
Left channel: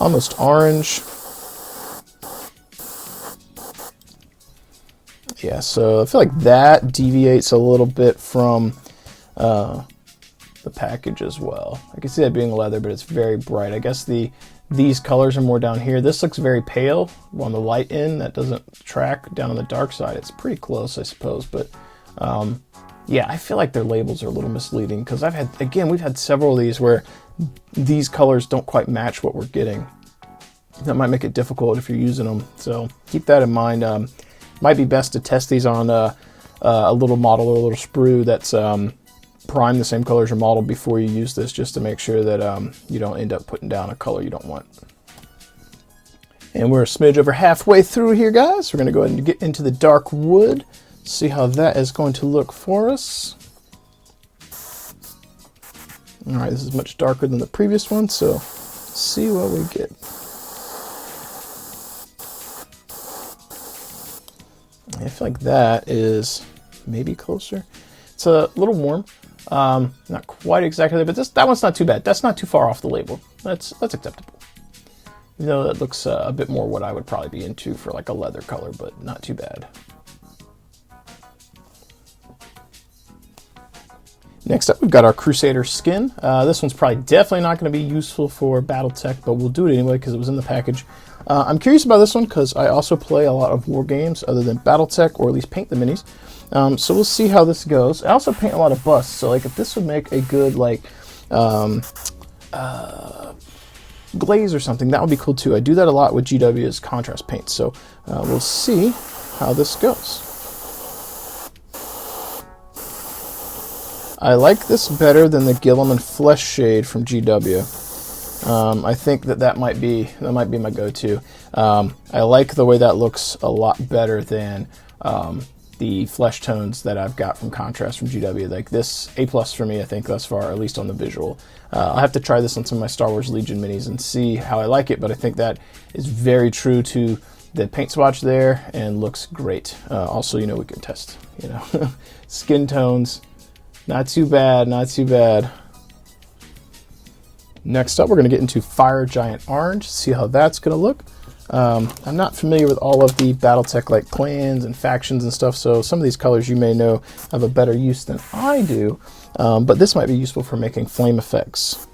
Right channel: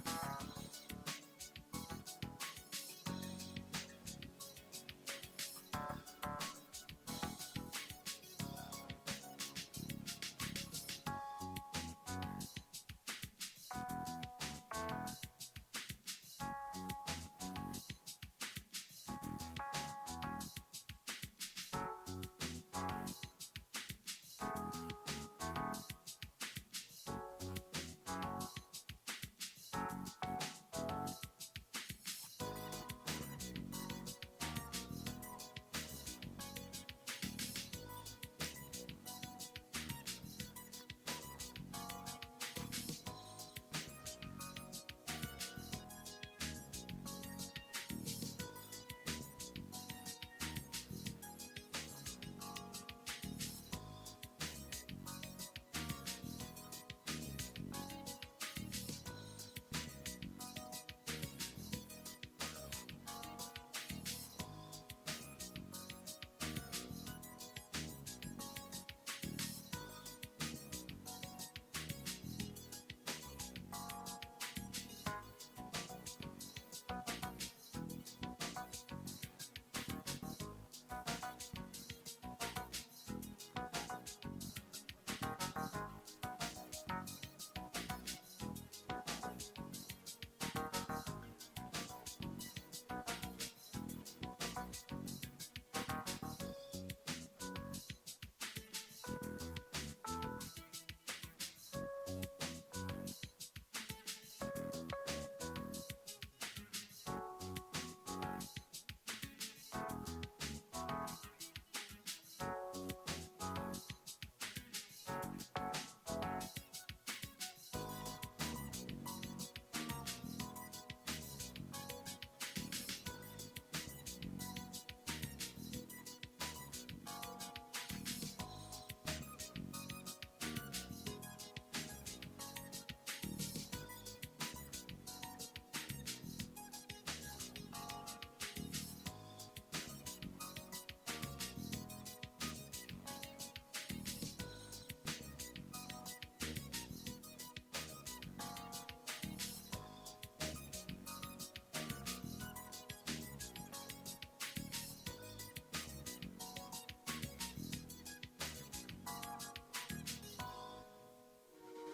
Almost orange. Yeah, so I feel like that deviates a little bit from the package as well. I can see that being leather, but it's very bright. I guess these colors are more down here. This looks very pale on the light end. That doesn't track down on the dark side. It's pretty close, I suppose. But yeah, I feel like their labels are a little misleading, because we've had several of these where these colors don't quite match what we're getting. That might make it difficult if you're using them. So keep that in mind. Might be best to test these on a little model or a little sprue that's primed the same color as your model before you use this, just to make sure that you don't end up putting down a color you don't want. And we're a smidge over halfway through here, guys. We're going to go ahead and get into the dark wood, see how that is going to look for us. All right, this is much darker than the previous one, so let's see what we get. I feel like that is maybe closer. It's a little warm, not quite exactly there, but that one's not too bad. That's not too far off the label. That's acceptable. You know, that looks a bit more what I would probably be into for like a leather color, but not too bad. Next up, we've got our Crusader skin. This one's probably definitely not going to be useful for Battletech, but we'll do it anyway because it was in the package. I'm curious about this one because I also play a lot of war games other than Battletech, or at least paint the minis. So we'll see how this goes. I also paint a lot of busts, so like if this would make a good like glaze or something, that would be cool too. I do that a lot with GW's contrast paint, so we'll see how this goes. I like this better than the Gilliam and Flesh shade from GW. I think that might be my go-to. I like the way that looks a lot better than the flesh tones that I've got from Contrast from GW. Like this A+ for me, I think thus far, at least on the visual. I'll have to try this on some of my Star Wars Legion minis and see how I like it, but I think that is very true to the paint swatch there and looks great. Also, you know, we can test, you know, skin tones. Not too bad, not too bad. Next up, we're going to get into Fire Giant Orange, see how that's going to look. I'm not familiar with all of the Battletech like clans and factions and stuff, so some of these colors you may know have a better use than I do, but this might be useful for making flame effects.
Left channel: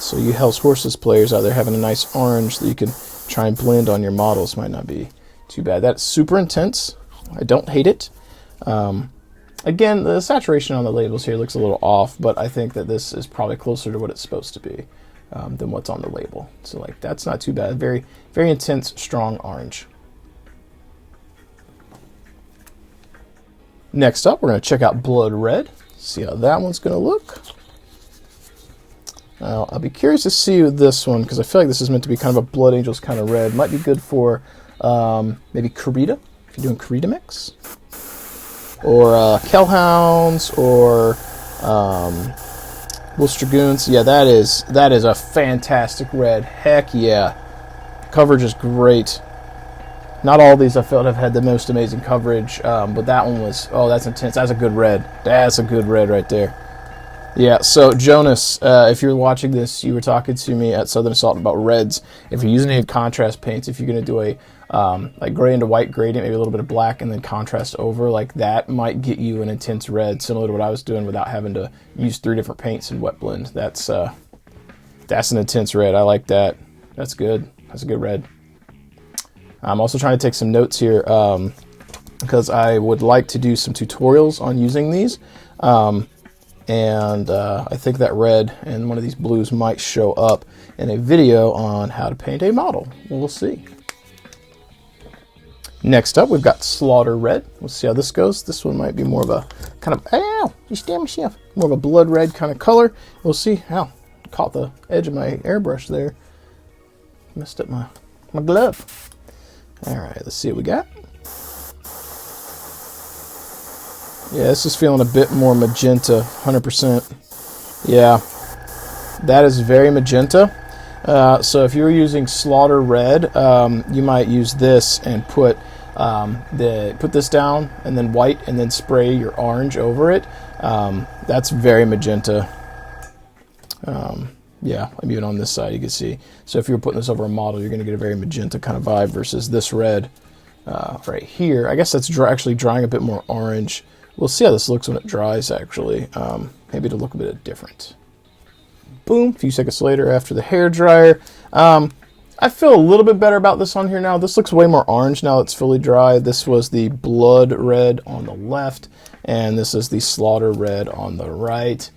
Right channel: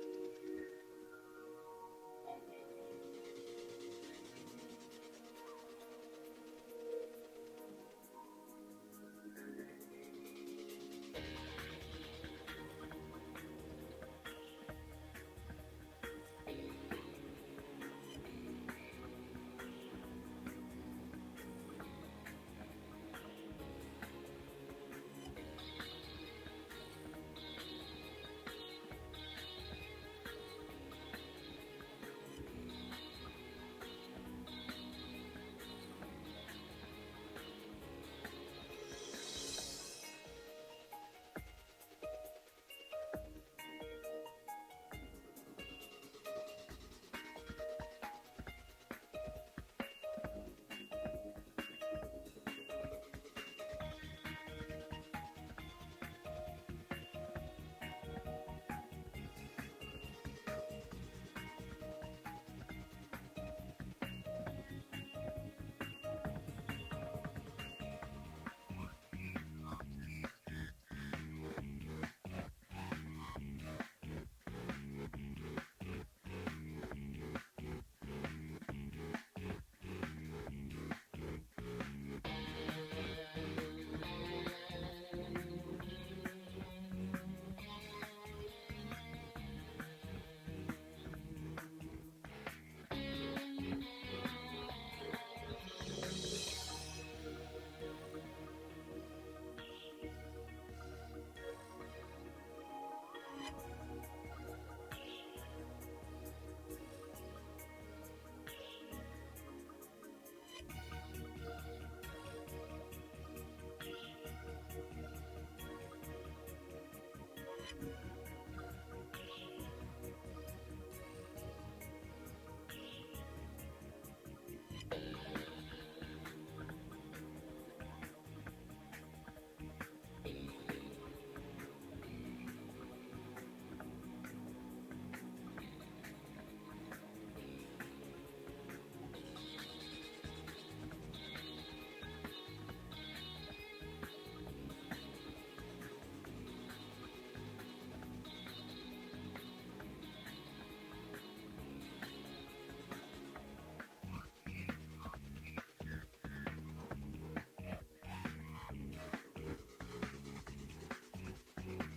So you Hell's Horses players out there having a nice orange that you can try and blend on your models might not be too bad. That's super intense. I don't hate it. Again, the saturation on the labels here looks a little off, but I think that this is probably closer to what it's supposed to be than what's on the label. So like that's not too bad. Very, very intense, strong orange. Next up, we're going to check out Blood Red. See how that one's going to look. Now, I'll be curious to see this one, because I feel like this is meant to be kind of a Blood Angels kind of red. Might be good for maybe Karita, if you're doing Karita mix. Or Kellhounds, or Wolf's Dragoons. Yeah, that is a fantastic red. Heck yeah. Coverage is great. Not all of these I felt have had the most amazing coverage, but that one was, oh, that's intense. That's a good red. That's a good red right there. Yeah, so Jonas, if you're watching this, you were talking to me at Southern Assault about reds. If you're using any contrast paints, if you're going to do a like gray into white gradient, maybe a little bit of black, and then contrast over, like that might get you an intense red, similar to what I was doing without having to use 3 different paints in wet blend. That's an intense red. I like that. That's good. That's a good red. I'm also trying to take some notes here because I would like to do some tutorials on using these. And I think that red and one of these blues might show up in a video on how to paint a model. We'll see. Next up, we've got Slaughter Red. We'll see how this goes. This one might be more of a kind of, ow, you stabbed myself. More of a blood red kind of color. We'll see. Ow, caught the edge of my airbrush there. Messed up my glove. All right, let's see what we got. Yeah, this is feeling a bit more magenta, 100%. Yeah, that is very magenta. So if you're using Slaughter Red, you might use this and put this down, and then white, and then spray your orange over it. That's very magenta. Yeah, I'm even on this side, you can see. So if you're putting this over a model, you're going to get a very magenta kind of vibe versus this red right here. I guess that's actually drying a bit more orange. We'll see how this looks when it dries, actually. Maybe it'll look a bit different. Boom, a few seconds later after the hair dryer. I feel a little bit better about this on here now. This looks way more orange now it's fully dry. This was the Blood Red on the left, and this is the Slaughter Red on the right.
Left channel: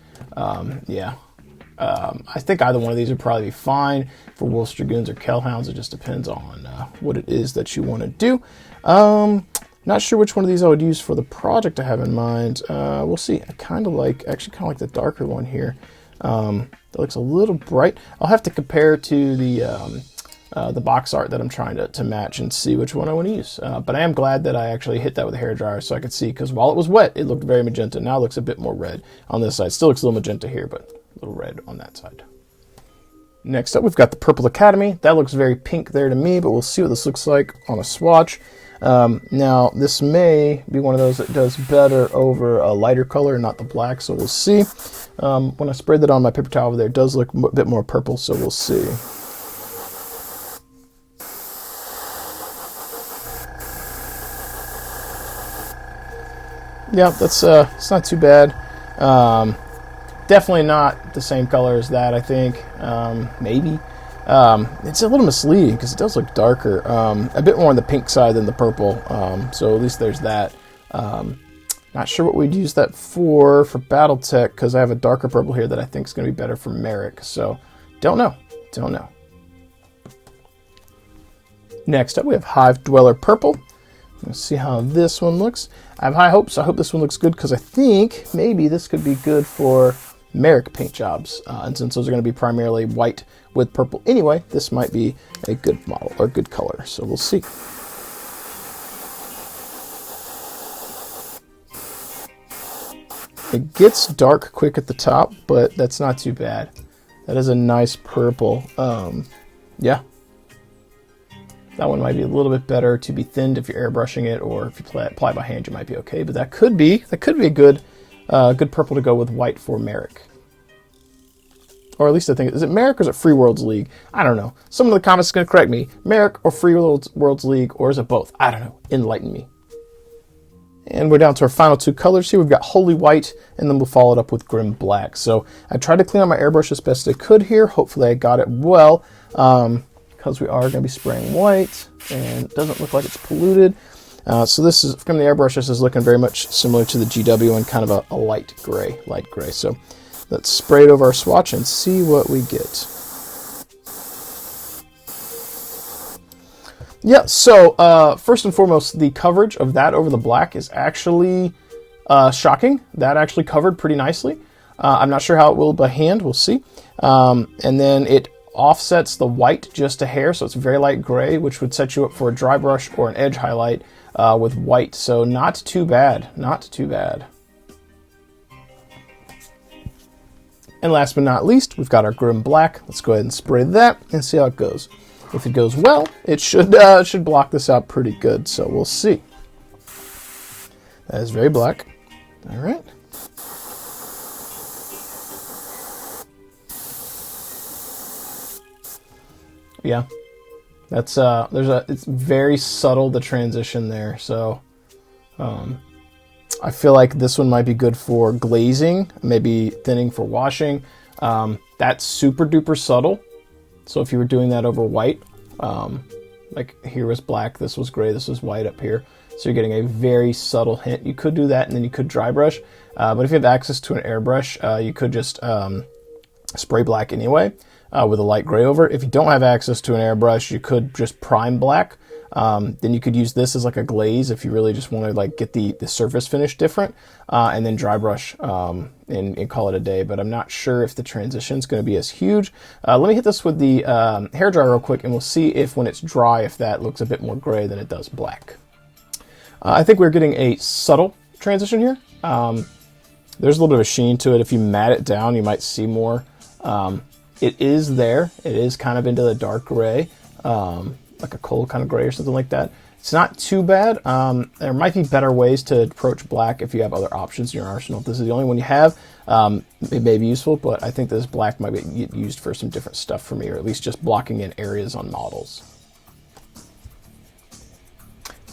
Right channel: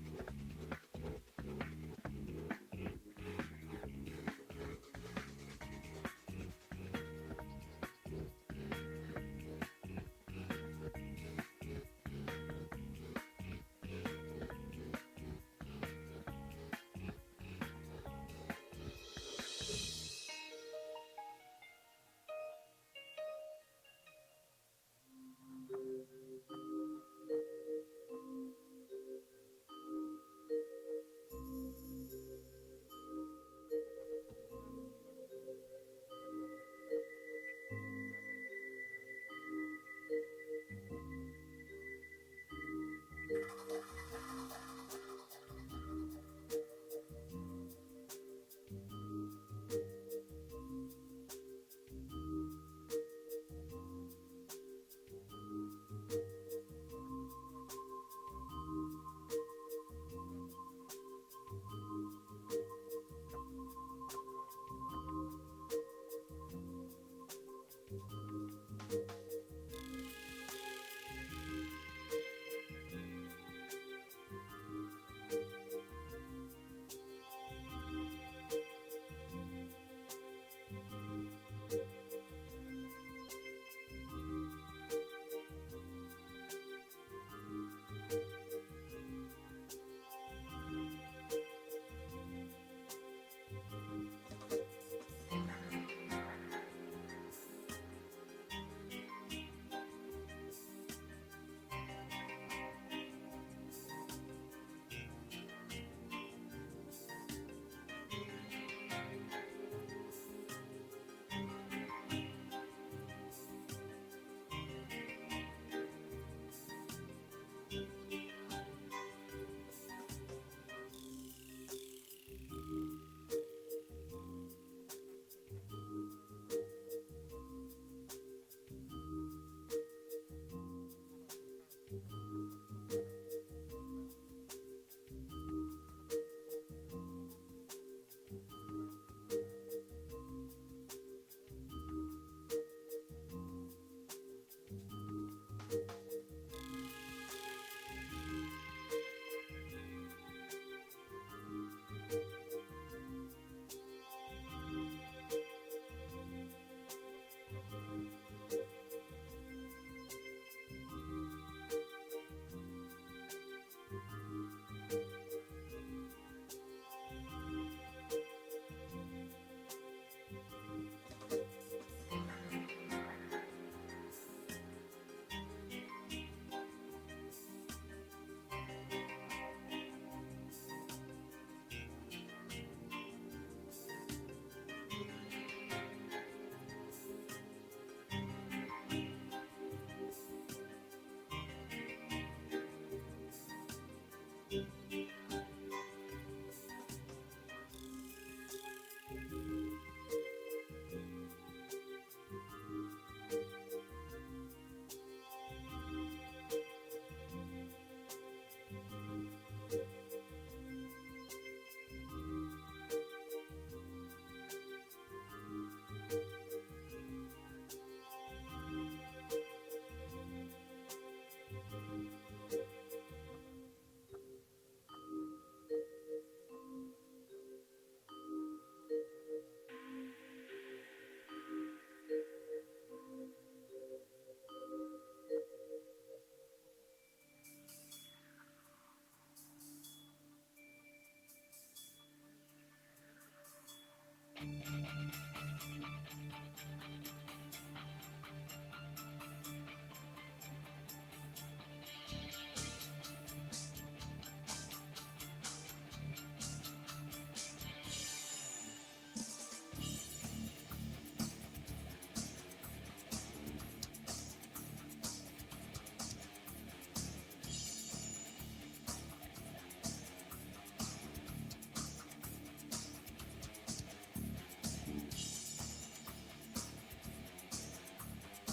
Yeah. I think either one of these would probably be fine for Wolf's Dragoons or Kellhounds. It just depends on what it is that you want to do. Not sure which one of these I would use for the project I have in mind. We'll see. I kind of like the darker one here. That looks a little bright. I'll have to compare to the box art that I'm trying to match and see which one I want to use. But I am glad that I actually hit that with a hairdryer so I could see, because while it was wet, it looked very magenta. Now it looks a bit more red on this side. Still looks a little magenta here, but a little red on that side. Next up, we've got the Purple Academy. That looks very pink there to me, but we'll see what this looks like on a swatch. Now, this may be one of those that does better over a lighter color, not the black, so we'll see. When I spread that on my paper towel over there, it does look a bit more purple, so we'll see. Yeah, that's it's not too bad. Definitely not the same color as that, I think. Maybe. It's a little misleading because it does look darker. A bit more on the pink side than the purple. So at least there's that. Not sure what we'd use that for Battletech, because I have a darker purple here that I think is going to be better for Merrick. So don't know. Don't know. Next up, we have Hive Dweller Purple. Let's see how this one looks. I have high hopes. I hope this one looks good, because I think maybe this could be good for Merrick paint jobs. And since those are going to be primarily white with purple anyway, this might be a good model or good color. So we'll see. It gets dark quick at the top, but that's not too bad. That is a nice purple. Yeah. That one might be a little bit better to be thinned if you're airbrushing it, or if you apply by hand, you might be okay. But that could be a good purple to go with white for Merrick. or at least I think, is it Merrick or is it Free Worlds League? I don't know. Someone in the comments is going to correct me. Merrick or Free Worlds League, or is it both? I don't know. Enlighten me. And we're down to our final two colors here. We've got Holy White, and then we'll follow it up with Grim Black. So I tried to clean out my airbrush as best I could here. Hopefully I got it well, because we are going to be spraying white, and it doesn't look like it's polluted. So this is, from the airbrush, this is looking very much similar to the GW and kind of a light gray. So let's spray it over our swatch and see what we get. Yeah, so first and foremost, the coverage of that over the black is actually shocking. That actually covered pretty nicely. I'm not sure how it will by hand, we'll see. And then it offsets the white just a hair, so it's very light gray, which would set you up for a dry brush or an edge highlight with white. So not too bad, not too bad. And last but not least, we've got our Grim Black. Let's go ahead and spray that and see how it goes. If it goes well, it should block this out pretty good, so we'll see. That is very black. All right. Yeah, that's it's very subtle, the transition there. So I feel like this one might be good for glazing, maybe thinning for washing. That's super duper subtle. So if you were doing that over white, like here was black, this was gray, this was white up here. So you're getting a very subtle hint. You could do that and then you could dry brush. But if you have access to an airbrush, you could just spray black anyway with a light gray over it. If you don't have access to an airbrush, you could just prime black. Then you could use this as like a glaze if you really just want to like get the surface finish different, and then dry brush and call it a day. But I'm not sure if the transition is going to be as huge. Let me hit this with the hair dryer real quick, and we'll see if when it's dry, if that looks a bit more gray than it does black. I think we're getting a subtle transition here. There's a little bit of a sheen to it. If you mat it down, you might see more. It is there. It is kind of into the dark gray. Like a coal kind of gray or something like that. It's not too bad. There might be better ways to approach black if you have other options in your arsenal. If this is the only one you have, it may be useful, but I think this black might be used for some different stuff for me, or at least just blocking in areas on models.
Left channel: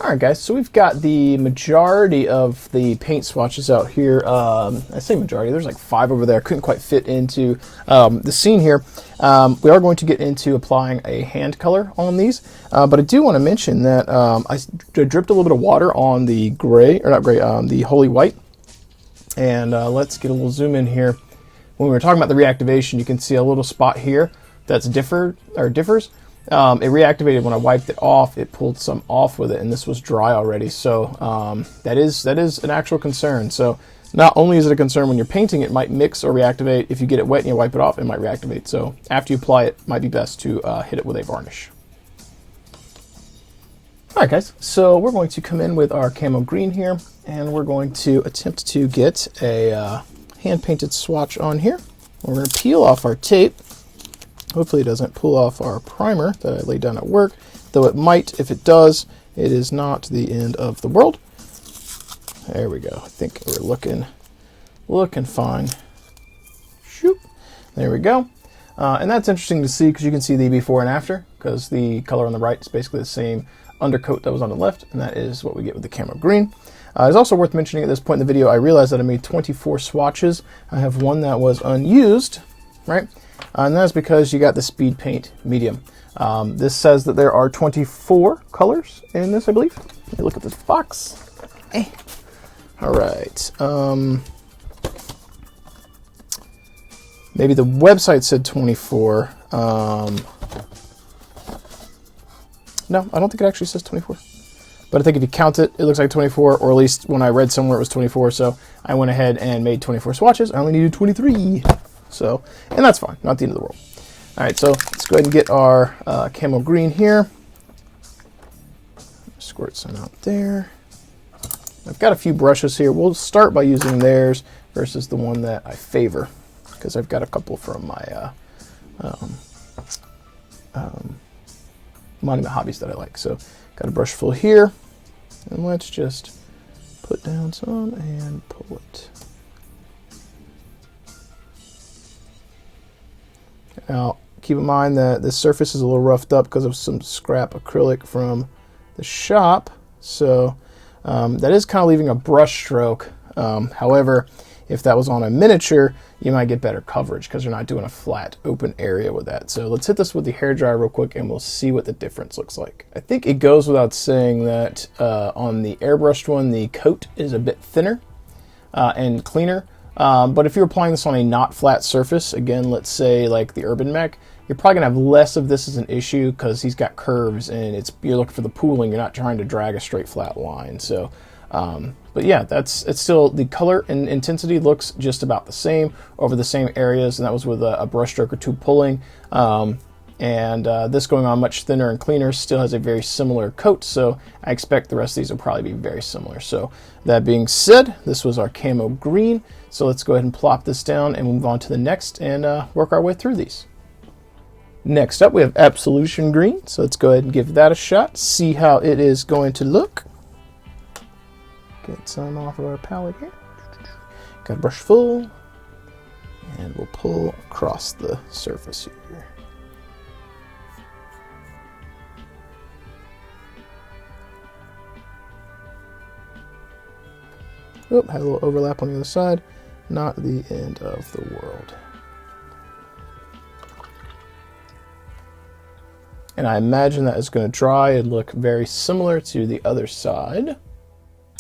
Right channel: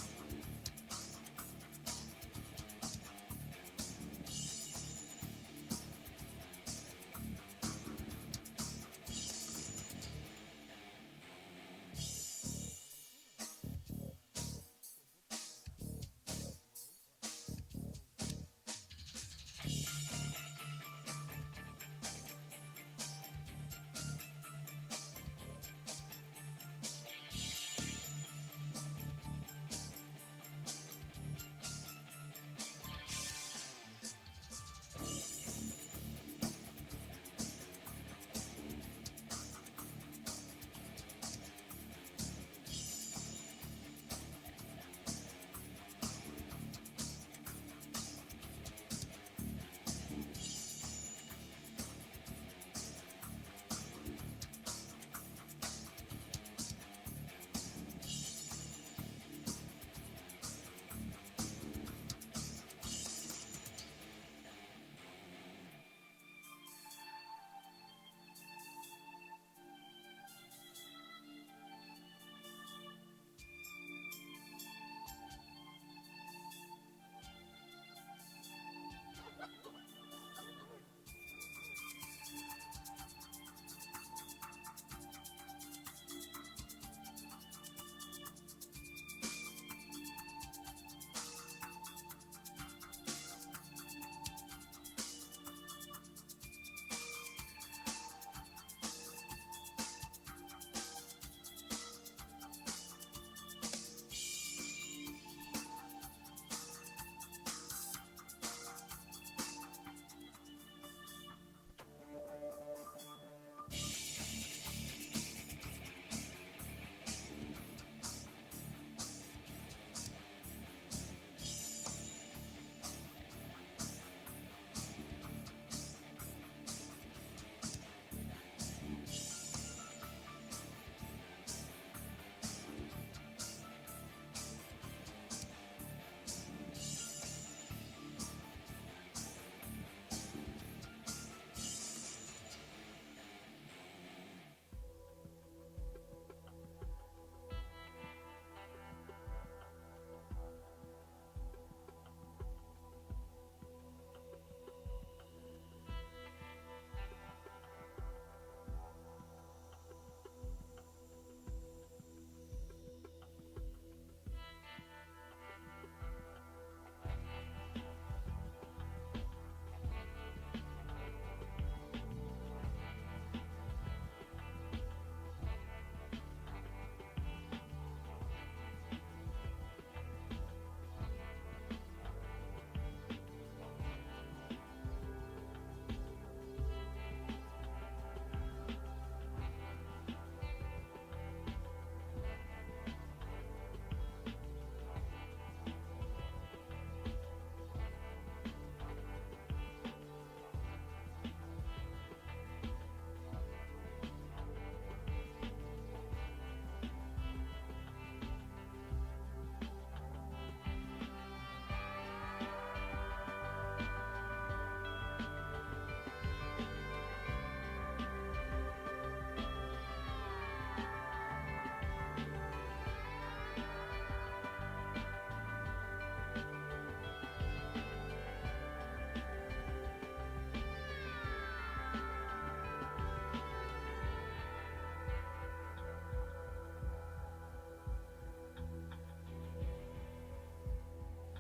All right, guys, so we've got the majority of the paint swatches out here. I say majority, there's like 5 over there. I couldn't quite fit into the scene here. We are going to get into applying a hand color on these, but I do want to mention that I dripped a little bit of water on the gray, or not gray, the Holy White. And let's get a little zoom in here. When we were talking about the reactivation, you can see a little spot here that's differs. It reactivated when I wiped it off. It pulled some off with it, and this was dry already. So that is an actual concern. So not only is it a concern when you're painting, it might mix or reactivate. If you get it wet and you wipe it off, it might reactivate. So after you apply it, it might be best to hit it with a varnish. All right, guys. So we're going to come in with our camo green here, and we're going to attempt to get a hand-painted swatch on here. We're going to peel off our tape. Hopefully it doesn't pull off our primer that I laid down at work, though it might. If it does, it is not the end of the world. There we go. I think we're looking fine. Shoop. There we go. And that's interesting to see because you can see the before and after, because the color on the right is basically the same undercoat that was on the left, and that is what we get with the camo green. It's also worth mentioning at this point in the video, I realized that I made 24 swatches. I have one that was unused, right? And that's because you got the speed paint medium. This says that there are 24 colors in this, I believe. Let me look at this box. Hey. All right. Maybe the website said 24. No, I don't think it actually says 24. But I think if you count it, it looks like 24, or at least when I read somewhere it was 24. So I went ahead and made 24 swatches. I only needed 23. So, and that's fine, not the end of the world. All right, so let's go ahead and get our camo green here. Squirt some out there. I've got a few brushes here. We'll start by using theirs versus the one that I favor, because I've got a couple from my Monument Hobbies that I like. So, got a brush full here, and let's just put down some and pull it. Now, keep in mind that this surface is a little roughed up because of some scrap acrylic from the shop. So that is kind of leaving a brush stroke. However, if that was on a miniature, you might get better coverage because you're not doing a flat open area with that. So let's hit this with the hairdryer real quick and we'll see what the difference looks like. I think it goes without saying that on the airbrushed one, the coat is a bit thinner and cleaner. But if you're applying this on a not flat surface, again, let's say like the Urban Mech, you're probably gonna have less of this as an issue because he's got curves and you're looking for the pooling, you're not trying to drag a straight flat line. So, but yeah, it's still, the color and intensity looks just about the same over the same areas, and that was with a brush stroke or two pulling. This going on much thinner and cleaner still has a very similar coat, so I expect the rest of these will probably be very similar. So that being said, this was our camo green. So let's go ahead and plop this down and move on to the next and work our way through these. Next up, we have Absolution Green. So let's go ahead and give that a shot, see how it is going to look. Get some off of our palette here. Got a brush full, and we'll pull across the surface here. Oh, had a little overlap on the other side. Not the end of the world. And I imagine that is going to dry and look very similar to the other side.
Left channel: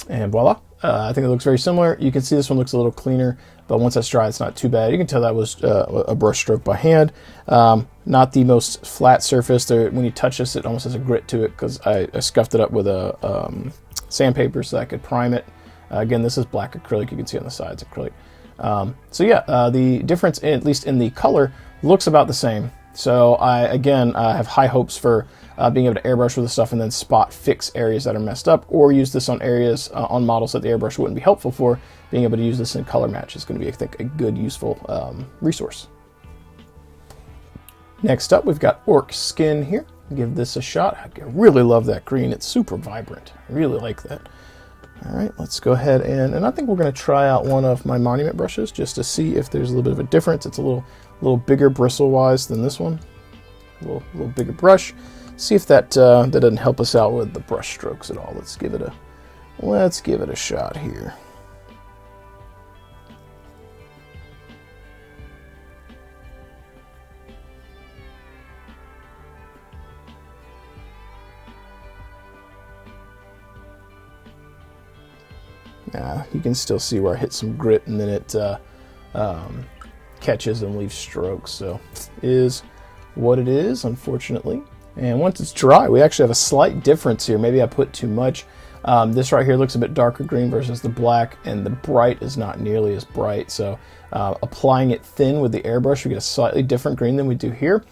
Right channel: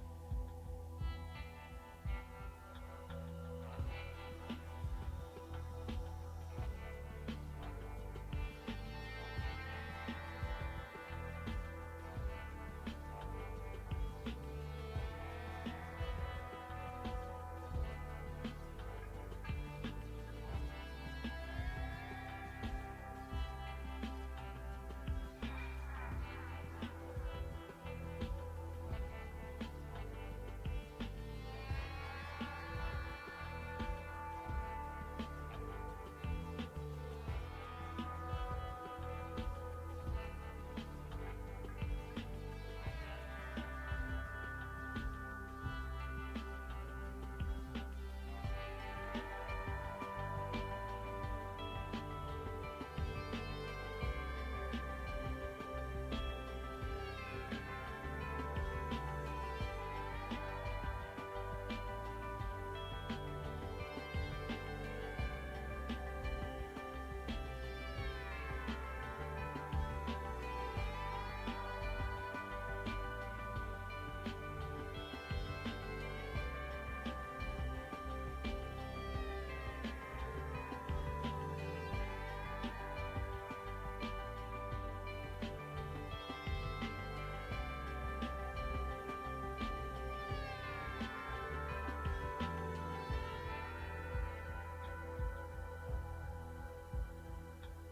And voila, I think it looks very similar. You can see this one looks a little cleaner, but once that's dry, it's not too bad. You can tell that was a brush stroke by hand. Not the most flat surface. There, when you touch this, it almost has a grit to it because I scuffed it up with a sandpaper so I could prime it. Again, this is black acrylic. You can see on the sides acrylic. So yeah, the difference, at least in the color, looks about the same. So I have high hopes for being able to airbrush with this stuff and then spot fix areas that are messed up, or use this on areas on models that the airbrush wouldn't be helpful for. Being able to use this in color match is going to be, I think, a good, useful resource. Next up, we've got Orc Skin here. Give this a shot. I really love that green. It's super vibrant. I really like that. All right, let's go ahead and I think we're going to try out one of my Monument brushes just to see if there's a little bit of a difference. It's a little bigger bristle-wise than this one. A little bigger brush. See if that doesn't help us out with the brush strokes at all. Let's give it a shot here. You can still see where I hit some grit and then it catches and leaves strokes. So it is what it is, unfortunately. And once it's dry, we actually have a slight difference here. Maybe I put too much. This right here looks a bit darker green versus the black, and the bright is not nearly as bright. So applying it thin with the airbrush, we get a slightly different green than we do here.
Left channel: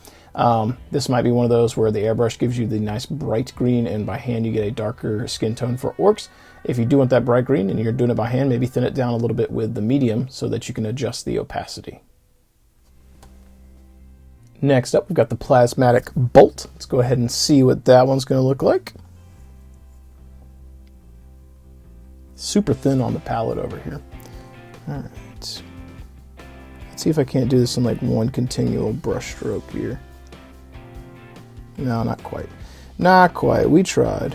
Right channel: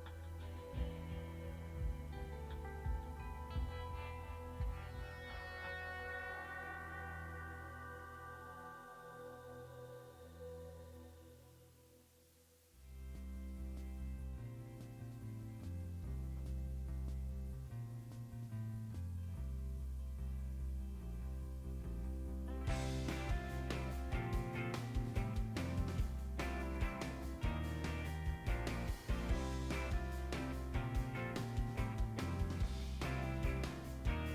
This might be one of those where the airbrush gives you the nice bright green, and by hand you get a darker skin tone for orcs. If you do want that bright green and you're doing it by hand, maybe thin it down a little bit with the medium so that you can adjust the opacity. Next up, we've got the Plasmatic Bolt. Let's go ahead and see what that one's going to look like. Super thin on the palette over here. All right. Let's see if I can't do this in like one continual brush stroke here. No, not quite. Not quite. We tried.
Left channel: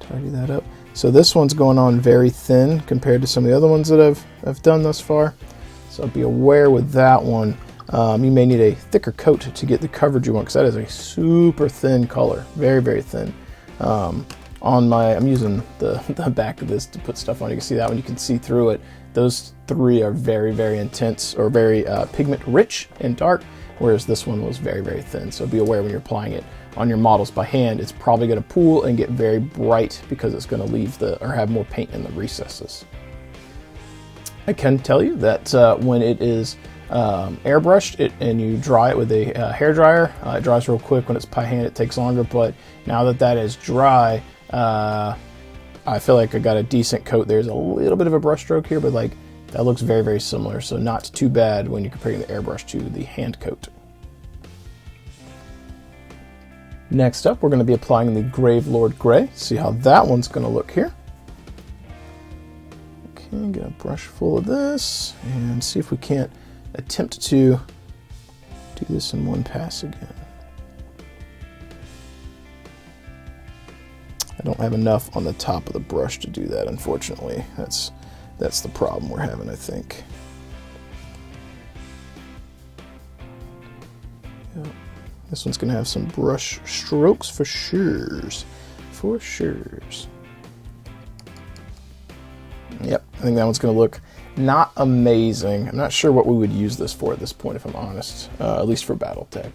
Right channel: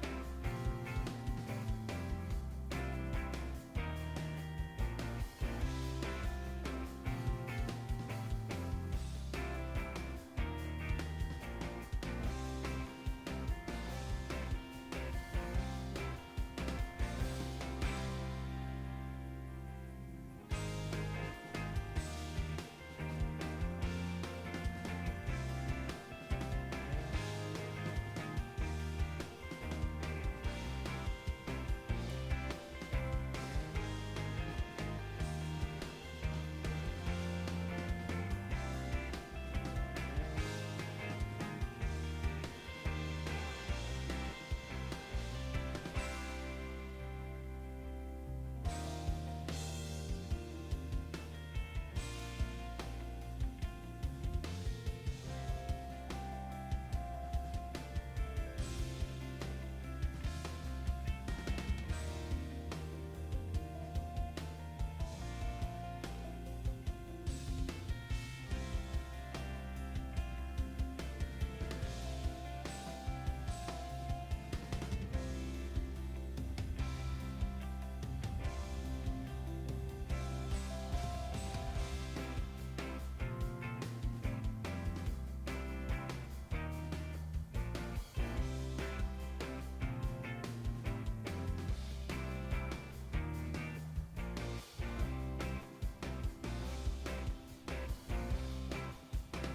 Tidy that up. So this one's going on very thin compared to some of the other ones that I've done thus far. So be aware with that one. You may need a thicker coat to get the coverage you want, because that is a super thin color, very, very thin. I'm using the back of this to put stuff on. You can see that one, you can see through it. Those three are very, very intense, or very pigment rich and dark, whereas this one was very, very thin. So be aware when you're applying it on your models by hand, it's probably going to pool and get very bright because it's going to leave or have more paint in the recesses. I can tell you that when it is airbrushed and you dry it with a hair dryer, it dries real quick. When it's by hand, it takes longer, but now that is dry, I feel like I got a decent coat. There's a little bit of a brush stroke here, but like that looks very, very similar, so not too bad when you're comparing the airbrush to the hand coat. Next up, we're going to be applying the Gravelord Gray. See how that one's going to look here. Okay, get a brush full of this and see if we can't attempt to do this in one pass again. I don't have enough on the top of the brush to do that, unfortunately. That's the problem we're having, I think. This one's gonna have some brush strokes for sures. For sures. Yep, I think that one's gonna look not amazing. I'm not sure what we would use this for at this point, if I'm honest, at least for Battletech.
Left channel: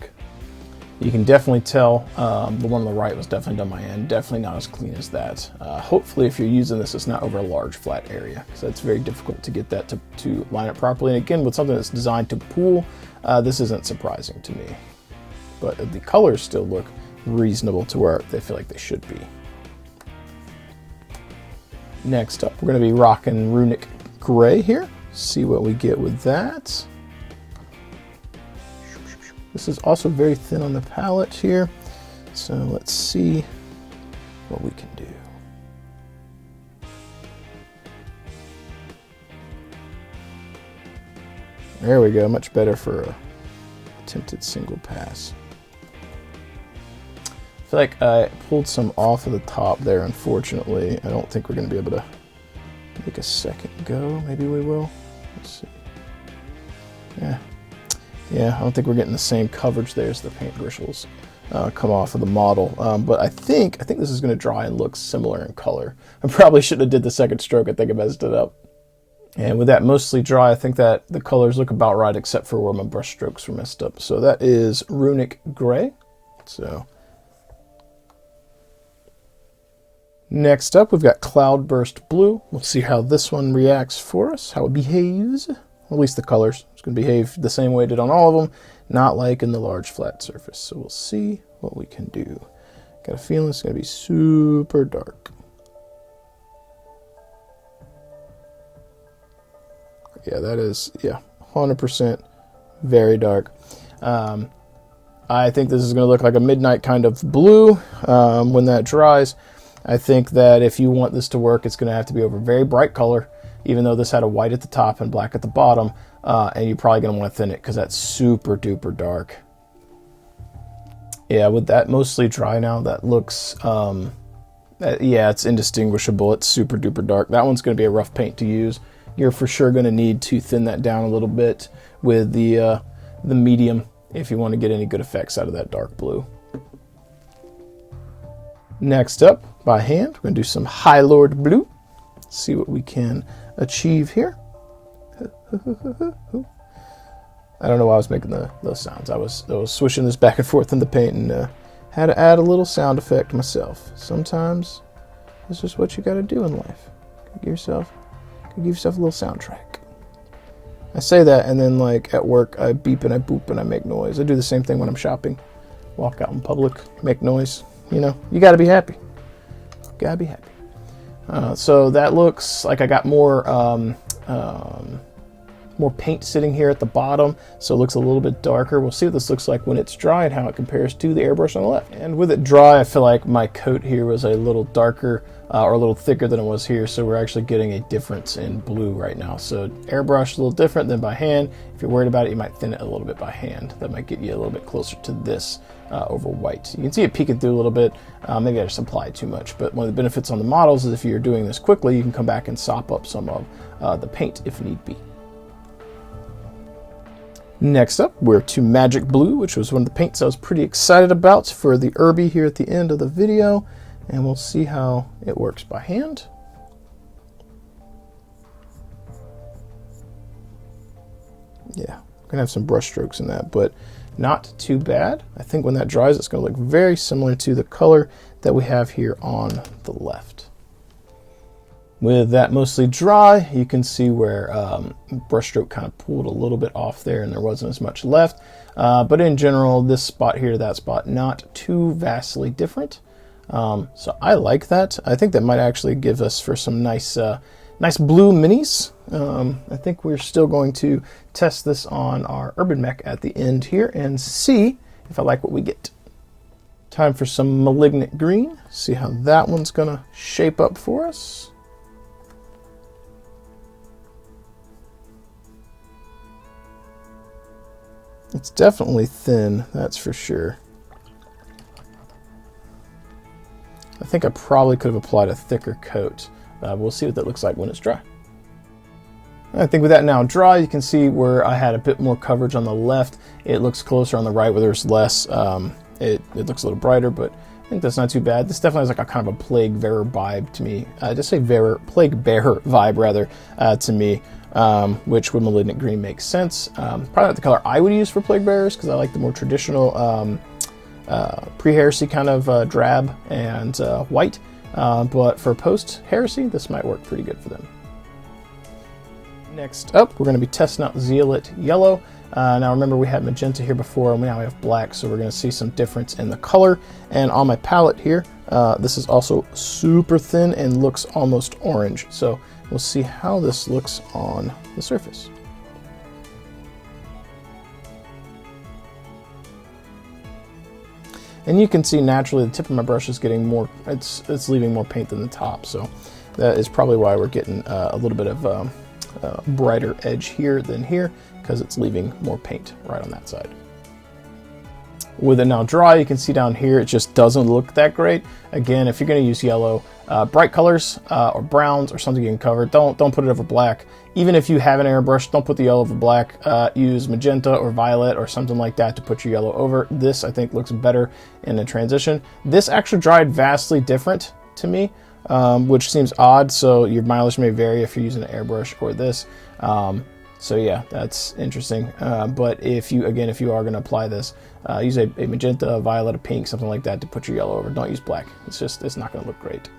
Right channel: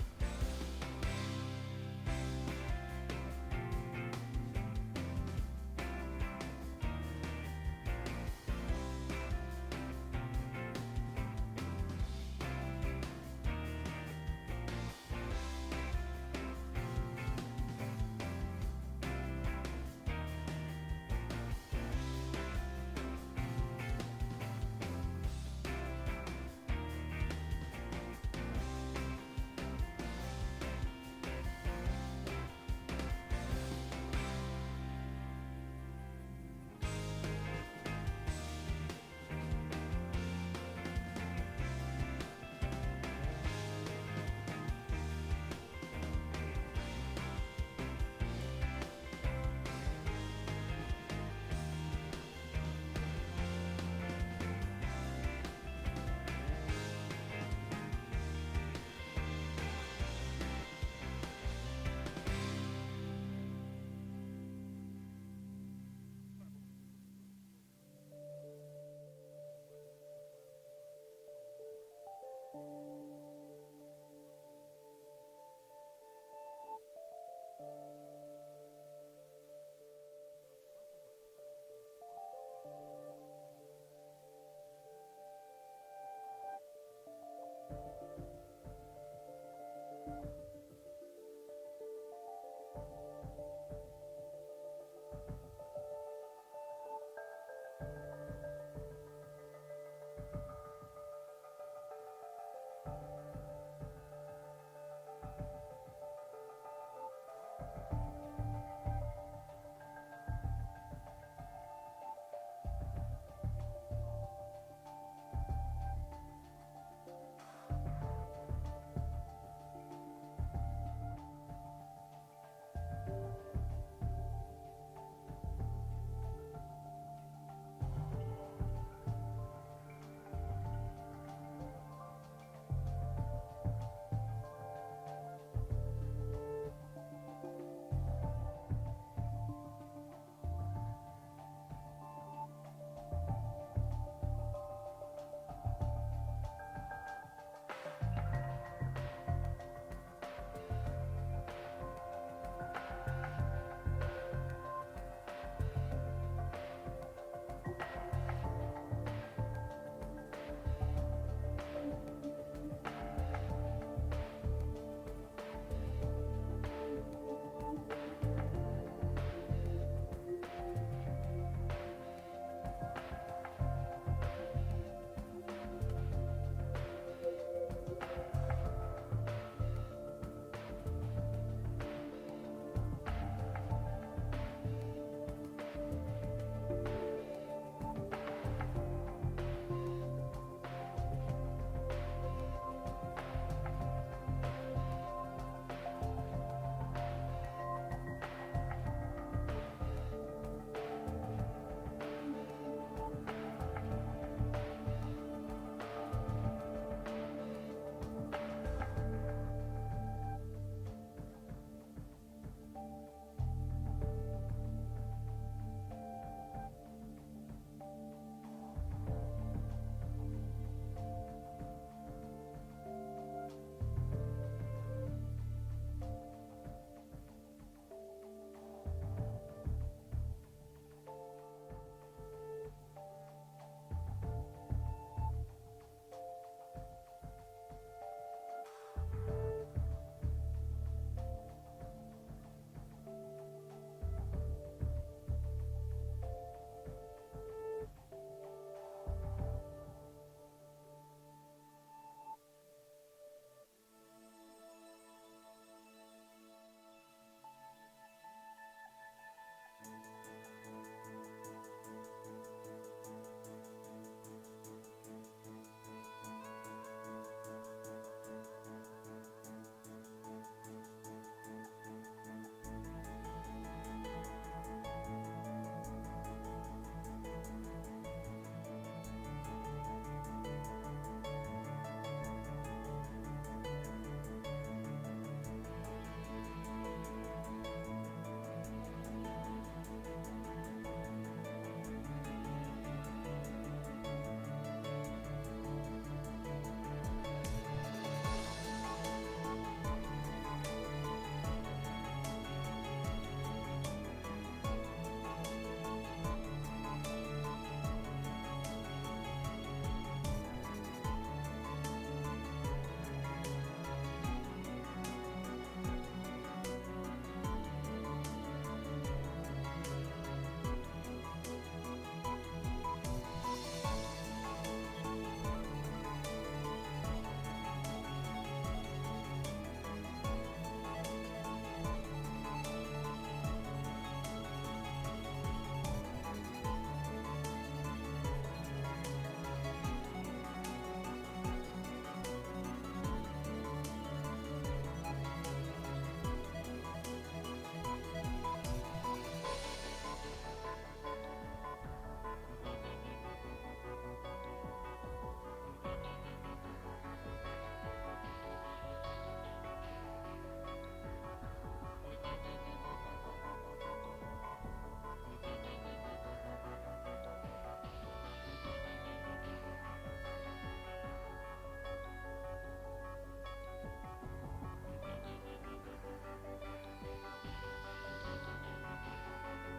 You can definitely tell the one on the right was definitely done by hand, definitely not as clean as that. Hopefully if you're using this, it's not over a large flat area, so it's very difficult to get that to line up properly. And again, with something that's designed to pool, this isn't surprising to me. But the colors still look reasonable to where they feel like they should be. Next up, we're going to be rocking Runic Gray here. See what we get with that. This is also very thin on the palette here, so let's see what we can do. There we go, much better for a attempted single pass. I feel like I pulled some off of the top there, unfortunately. I don't think we're going to be able to make a second go. Maybe we will. Let's see. Yeah, I don't think we're getting the same coverage there as the paint bristles come off of the model. But I think this is going to dry and look similar in color. I probably shouldn't have did the second stroke. I think I messed it up. And with that mostly dry, I think that the colors look about right, except for where my brush strokes were messed up. So that is Runic Gray. So next up, we've got Cloudburst Blue. We'll see how this one reacts for us, how it behaves. At least the colors. It's going to behave the same way it did on all of them, not like in the large flat surface. So we'll see what we can do. Got a feeling it's going to be super dark. Yeah, that is, 100% very dark. I think this is going to look like a midnight kind of blue when that dries. I think that if you want this to work, it's going to have to be over a very bright color, even though this had a white at the top and black at the bottom, and you're probably going to want to thin it because that's super duper dark. Yeah, with that mostly dry now, that looks, it's indistinguishable. It's super duper dark. That one's going to be a rough paint to use. You're for sure going to need to thin that down a little bit with the medium if you want to get any good effects out of that dark blue. Next up, by hand, we're going to do some High Lord Blue. See what we can achieve here. I don't know why I was making those sounds. I was swishing this back and forth in the paint and had to add a little sound effect myself. Sometimes this is what you got to do in life. Give yourself a little soundtrack. I say that, and then like at work, I beep and I boop and I make noise. I do the same thing when I'm shopping. Walk out in public, make noise. You know, you got to be happy. Gotta be happy. So that looks like I got more paint sitting here at the bottom, so it looks a little bit darker. We'll see what this looks like when it's dry and how it compares to the airbrush on the left. And with it dry, I feel like my coat here was a little darker or a little thicker than it was here, so we're actually getting a difference in blue right now. So airbrush a little different than by hand. If you're worried about it, you might thin it a little bit by hand. That might get you a little bit closer to this over white. You can see it peeking through a little bit. Maybe I just applied too much, but one of the benefits on the models is if you're doing this quickly, you can come back and sop up some of the paint if need be. Next up, we're to Magic Blue, which was one of the paints I was pretty excited about for the Irby here at the end of the video, and we'll see how it works by hand. Yeah, gonna have some brush strokes in that, but not too bad. I think when that dries, it's gonna look very similar to the color that we have here on the left. With that mostly dry, you can see where brushstroke kind of pulled a little bit off there and there wasn't as much left. But in general, this spot here to that spot, not too vastly different. So I like that. I think that might actually give us for some nice blue minis. I think we're still going to test this on our Urban Mech at the end here and see if I like what we get. Time for some Malignant Green. See how that one's gonna shape up for us. It's definitely thin, that's for sure. I think I probably could have applied a thicker coat. We'll see what that looks like when it's dry. I think with that now dry, you can see where I had a bit more coverage on the left. It looks closer on the right where there's less. It looks a little brighter, but I think that's not too bad. This definitely has like a kind of a plague bearer vibe to me. Just say plague bearer vibe rather to me, which with malignant green makes sense. Probably not the color I would use for plague bearers because I like the more traditional pre-heresy kind of drab and white. But for post-heresy, this might work pretty good for them. Next up, we're going to be testing out Zealot Yellow. Now remember we had magenta here before, and now we have black, so we're going to see some difference in the color. And on my palette here, this is also super thin and looks almost orange. So we'll see how this looks on the surface. And you can see naturally the tip of my brush is getting more, it's leaving more paint than the top. So that is probably why we're getting a little bit of brighter edge here than here, because it's leaving more paint right on that side. With it now dry, you can see down here it just doesn't look that great. Again, if you're going to use yellow, bright colors or browns or something you can cover, don't put it over black. Even if you have an airbrush, don't put the yellow over black. Use magenta or violet or something like that to put your yellow over. This I think looks better in the transition. This actually dried vastly different to me, which seems odd, so your mileage may vary if you're using an airbrush or this. So yeah, that's interesting. But if you are going to apply this, use a magenta, a violet, a pink, something like that to put your yellow over. Don't use black. It's not going to look great.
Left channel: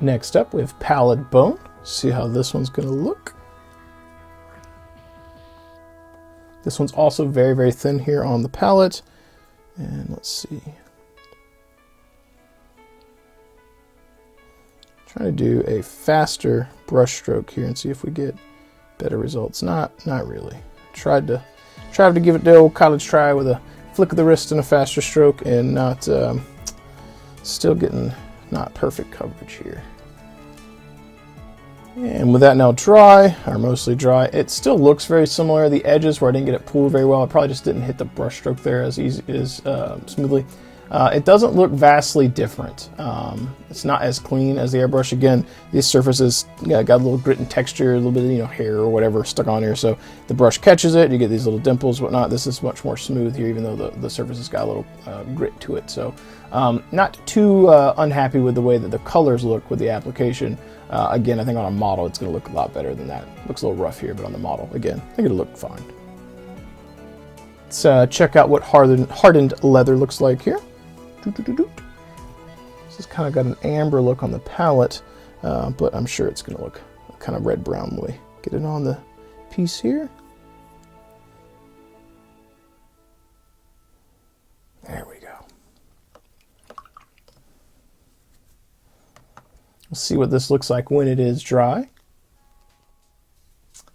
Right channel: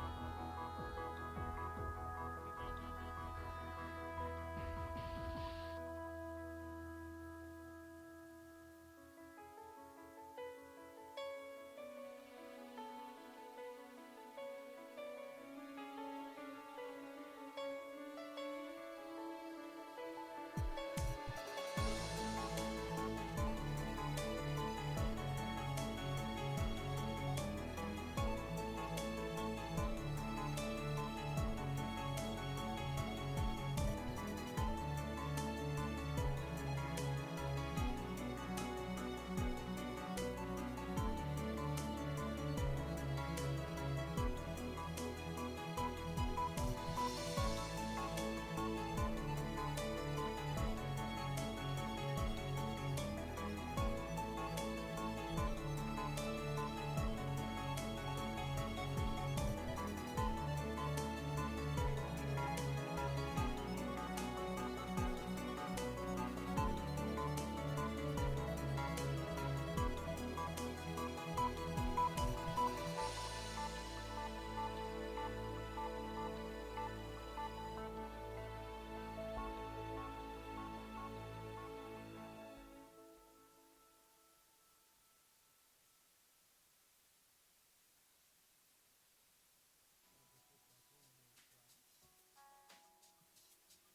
Next up, we have Pallid Bone. See how this one's going to look. This one's also very, very thin here on the palette. And let's see. Try to do a faster brush stroke here and see if we get better results. Not really. Tried to give it the old college try with a flick of the wrist and a faster stroke, and not still getting not perfect coverage here. And with that now dry, or mostly dry, it still looks very similar. The edges where I didn't get it pulled very well, I probably just didn't hit the brush stroke there as smoothly. It doesn't look vastly different. It's not as clean as the airbrush. Again, these surfaces got a little grit and texture, a little bit of hair or whatever stuck on here. So the brush catches it. You get these little dimples, whatnot. This is much more smooth here, even though the surface has got a little grit to it. So not too unhappy with the way that the colors look with the application. Again, I think on a model it's going to look a lot better than that. It looks a little rough here, but on the model, again, I think it'll look fine. Let's check out what hardened leather looks like here. This has kind of got an amber look on the palette, but I'm sure it's going to look kind of red-brown when we get it on the piece here. There we go. We'll see what this looks like when it is dry.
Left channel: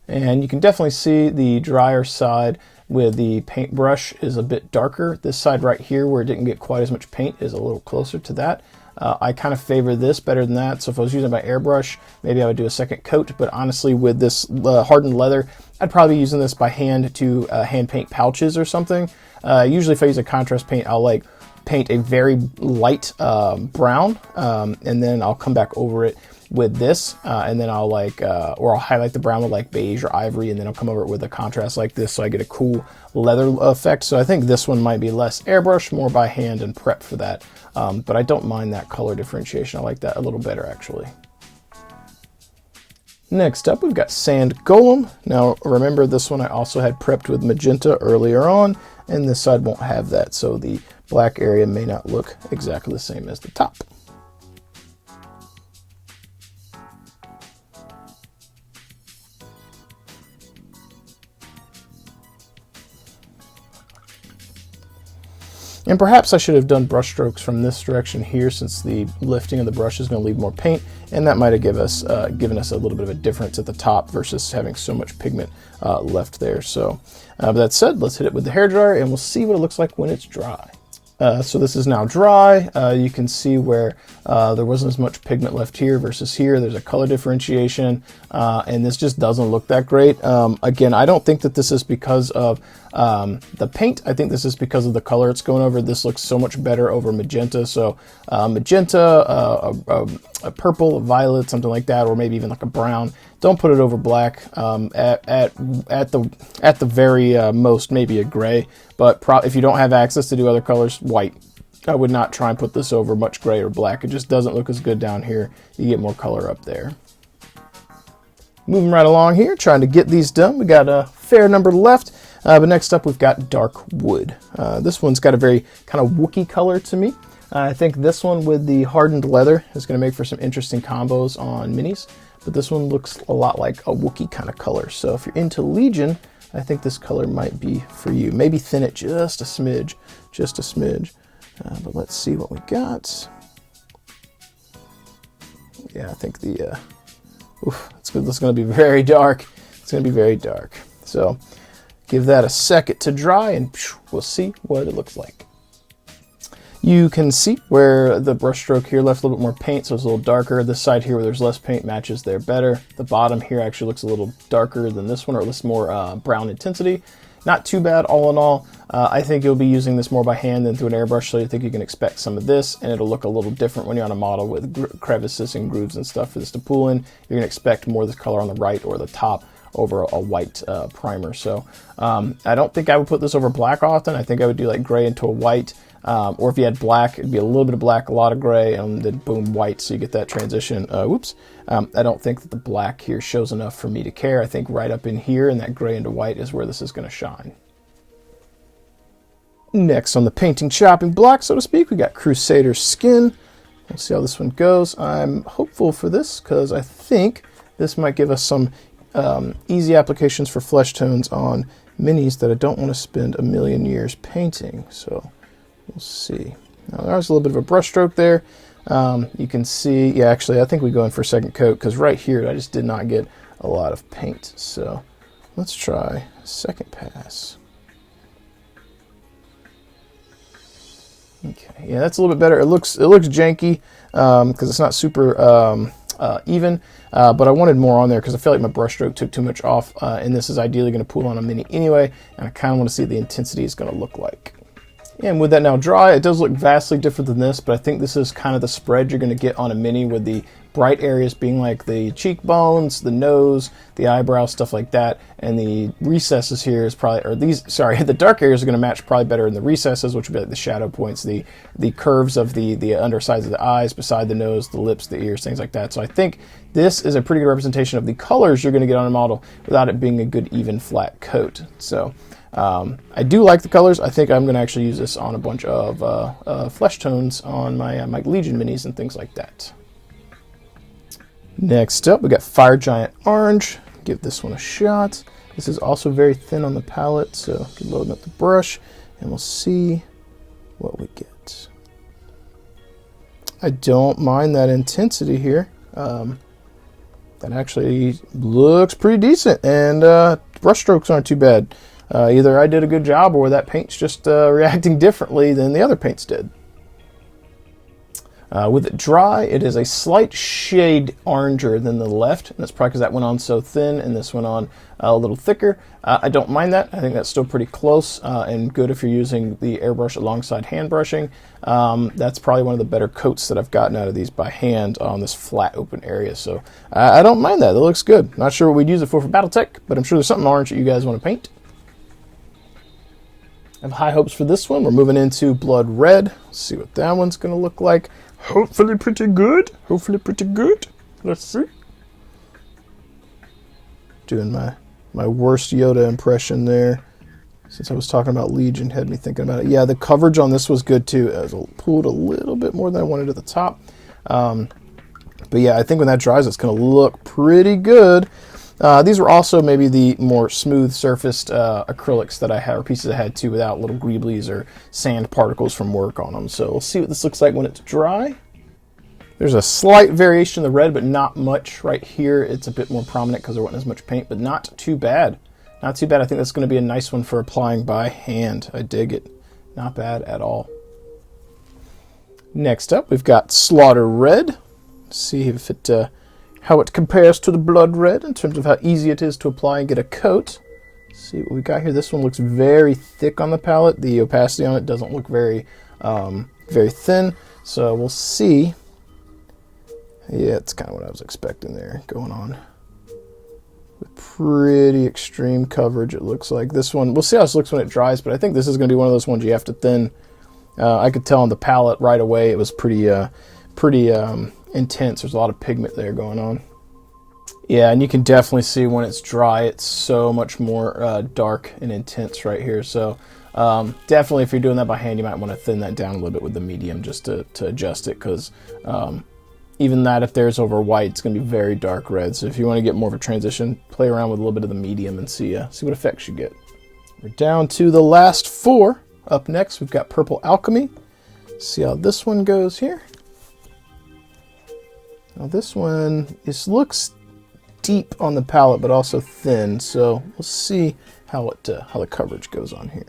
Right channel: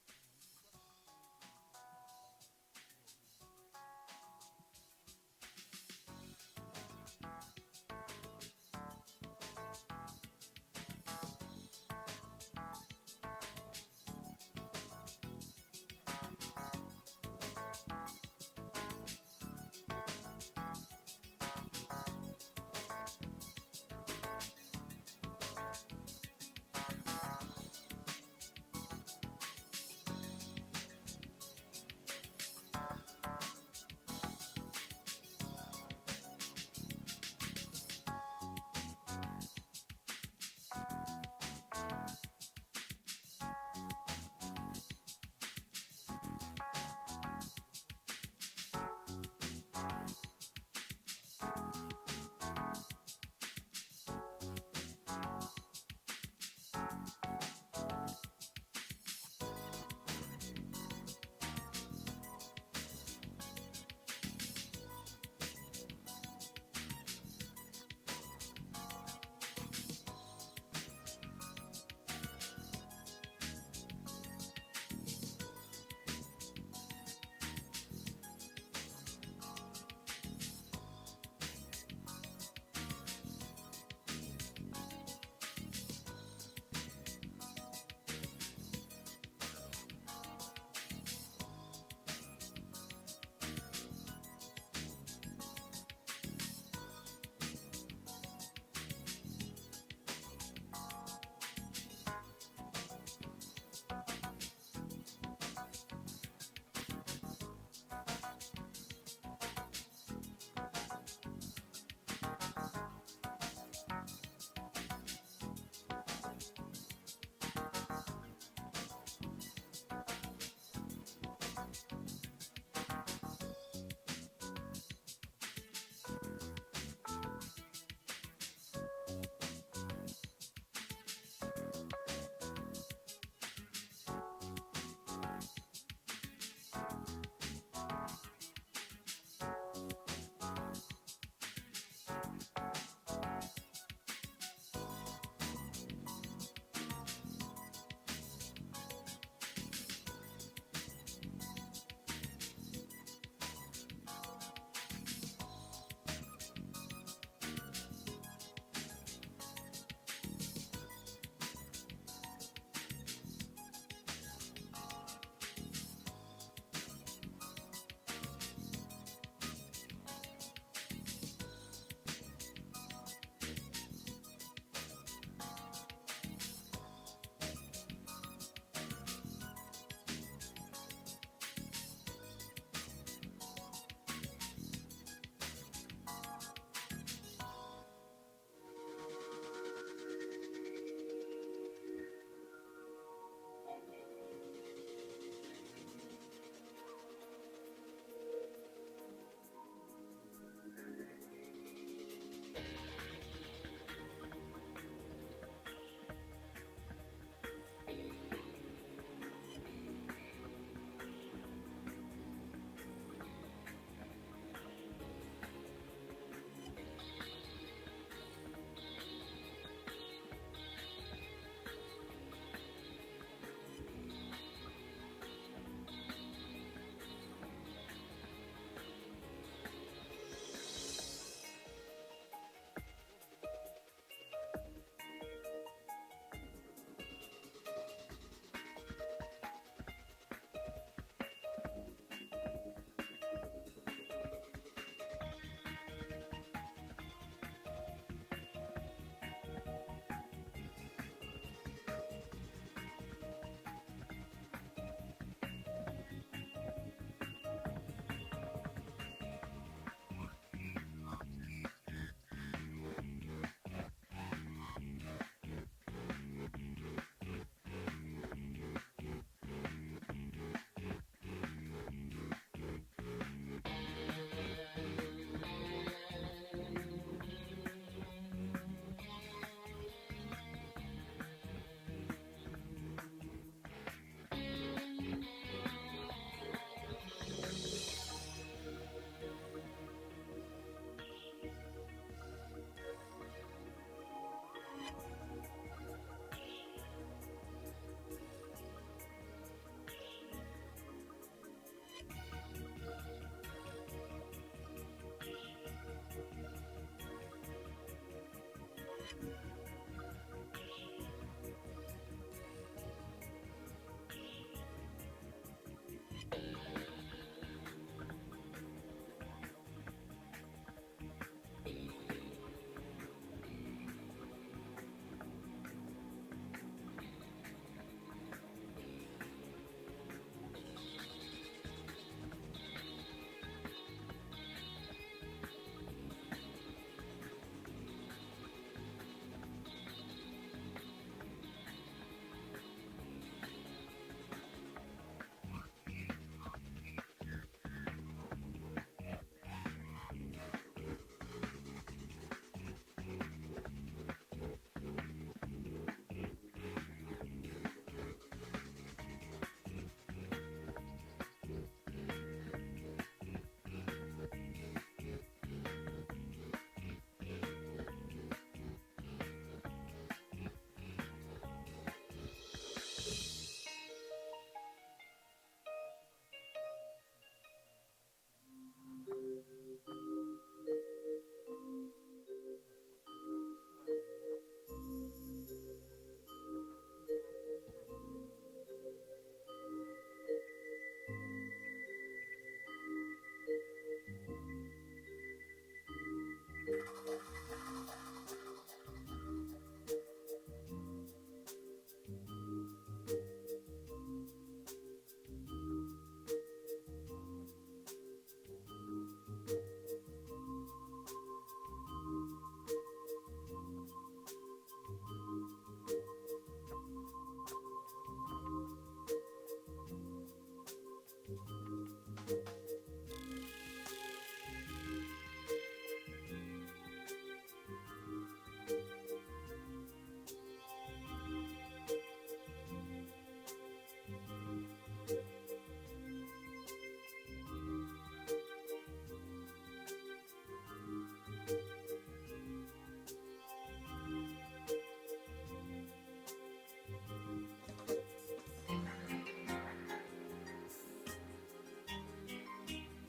And you can definitely see the drier side with the paintbrush is a bit darker. This side right here where it didn't get quite as much paint is a little closer to that. I kind of favor this better than that. So if I was using my airbrush, maybe I would do a second coat. But honestly, with this hardened leather, I'd probably be using this by hand to hand paint pouches or something. Usually if I use a contrast paint, I'll like paint a very light brown, and then I'll come back over it with this, and then I'll or I'll highlight the brown with like beige or ivory, and then I'll come over it with a contrast like this so I get a cool leather effect. So I think this one might be less airbrush, more by hand and prep for that. But I don't mind that color differentiation. I like that a little better actually. Next up, we've got Sand Golem. Now remember, this one I also had prepped with magenta earlier on, and this side won't have that, so the black area may not look exactly the same as the top. And perhaps I should have done brush strokes from this direction here, since the lifting of the brush is going to leave more paint, and that might have given us a little bit of a difference at the top versus having so much pigment left there. So, with that said, let's hit it with the hairdryer and we'll see what it looks like when it's dry. So this is now dry. You can see where there wasn't as much pigment left here versus here. There's a color differentiation, and this just doesn't look that great. Again, I don't think that this is because of the paint. I think this is because of the color it's going over. This looks so much better over magenta. So magenta, a purple, a violet, something like that, or maybe even like a brown. Don't put it over black. At the very most, maybe a gray. But if you don't have access to do other colors, white. I would not try and put this over much gray or black. It just doesn't look as good down here. You get more color up there. Moving right along here, trying to get these done. We got a fair number left. But next up, we've got dark wood. This one's got a very kind of Wookiee color to me. I think this one with the hardened leather is going to make for some interesting combos on minis. But this one looks a lot like a Wookiee kind of color. So if you're into Legion, I think this color might be for you. Maybe thin it just a smidge, just a smidge. But let's see what we got. Yeah, I think it's going to be very dark. It's going to be very dark. So give that a second to dry and we'll see what it looks like. You can see where the brush stroke here left a little bit more paint, so it's a little darker. This side here where there's less paint matches there better. The bottom here actually looks a little darker than this one, or at least more brown intensity. Not too bad all in all. I think you'll be using this more by hand than through an airbrush, so I think you can expect some of this, and it'll look a little different when you're on a model with crevices and grooves and stuff for this to pull in. You're going to expect more of the color on the right or the top over a white primer. So I don't think I would put this over black often. I think I would do like gray into a white. Or if you had black, it'd be a little bit of black, a lot of gray, and then boom, white, so you get that transition. I don't think that the black here shows enough for me to care. I think right up in here, and that gray into white is where this is going to shine. Next on the painting chopping block, so to speak, we got Crusader Skin. Let's see how this one goes. I'm hopeful for this, because I think this might give us some easy applications for flesh tones on minis that I don't want to spend a million years painting. So we'll see. Now there's a little bit of a brush stroke there. You can see, yeah, actually I think we go in for a second coat because right here I just did not get a lot of paint. So let's try a second pass. Okay, yeah, that's a little bit better. It looks janky because it's not super even. But I wanted more on there because I feel like my brush stroke took too much off, and this is ideally going to pull on a mini anyway, and I kind of want to see what the intensity is going to look like. And with that now dry, it does look vastly different than this, but I think this is kind of the spread you're going to get on a mini, with the bright areas being like the cheekbones, the nose, the eyebrows, stuff like that, and the recesses here is probably, or these, sorry, the dark areas are going to match probably better in the recesses, which would be like the shadow points, the curves of the undersides of the eyes, beside the nose, the lips, the ears, things like that. So I think this is a pretty good representation of the colors you're going to get on a model without it being a good even flat coat. So I do like the colors. I think I'm going to actually use this on a bunch of flesh tones on my Legion minis and things like that. Next up, we got Fire Giant Orange. Give this one a shot. This is also very thin on the palette, so keep loading up the brush, and we'll see what we get. I don't mind that intensity here. That actually looks pretty decent, and brush strokes aren't too bad. Either I did a good job or that paint's just reacting differently than the other paints did. With it dry, it is a slight shade oranger than the left, and that's probably because that went on so thin and this went on a little thicker. I don't mind that. I think that's still pretty close and good if you're using the airbrush alongside hand brushing. That's probably one of the better coats that I've gotten out of these by hand on this flat open area, so I don't mind that. It looks good. Not sure what we'd use it for Battletech, but I'm sure there's something orange that you guys want to paint. I have high hopes for this one. We're moving into Blood Red. Let's see what that one's going to look like. Hopefully pretty good. Hopefully pretty good. Let's see. Doing my worst Yoda impression there. Since I was talking about Legion, had me thinking about it. Yeah, the coverage on this was good too. It was pulled a little bit more than I wanted at the top. But yeah, I think when that dries, it's going to look pretty good. These were also maybe the more smooth surfaced acrylics that I had, or pieces I had too, without little greeblies or sand particles from work on them. So we'll see what this looks like when it's dry. There's a slight variation in the red, but not much. Right here, it's a bit more prominent because there wasn't as much paint, but not too bad. Not too bad. I think that's going to be a nice one for applying by hand. I dig it. Not bad at all. Next up, we've got Slaughter Red. See if it how it compares to the Blood Red in terms of how easy it is to apply and get a coat. See what we got here. This one looks very thick on the palette. The opacity on it doesn't look very very thin. So we'll see. Yeah, it's kind of what I was expecting there going on. Pretty extreme coverage, it looks like. This one, we'll see how this looks when it dries, but I think this is going to be one of those ones you have to thin. I could tell on the palette right away it was pretty intense. There's a lot of pigment there going on. Yeah, and you can definitely see when it's dry, it's so much more dark and intense right here. So definitely if you're doing that by hand, you might want to thin that down a little bit with the medium just to adjust it, because even that, if there's over white, it's going to be very dark red. So if you want to get more of a transition, play around with a little bit of the medium and see what effects you get. We're down to the last 4. Up next, we've got Purple Alchemy. See how this one goes here. Now this one, this looks deep on the palette, but also thin. So we'll see how the coverage goes on here.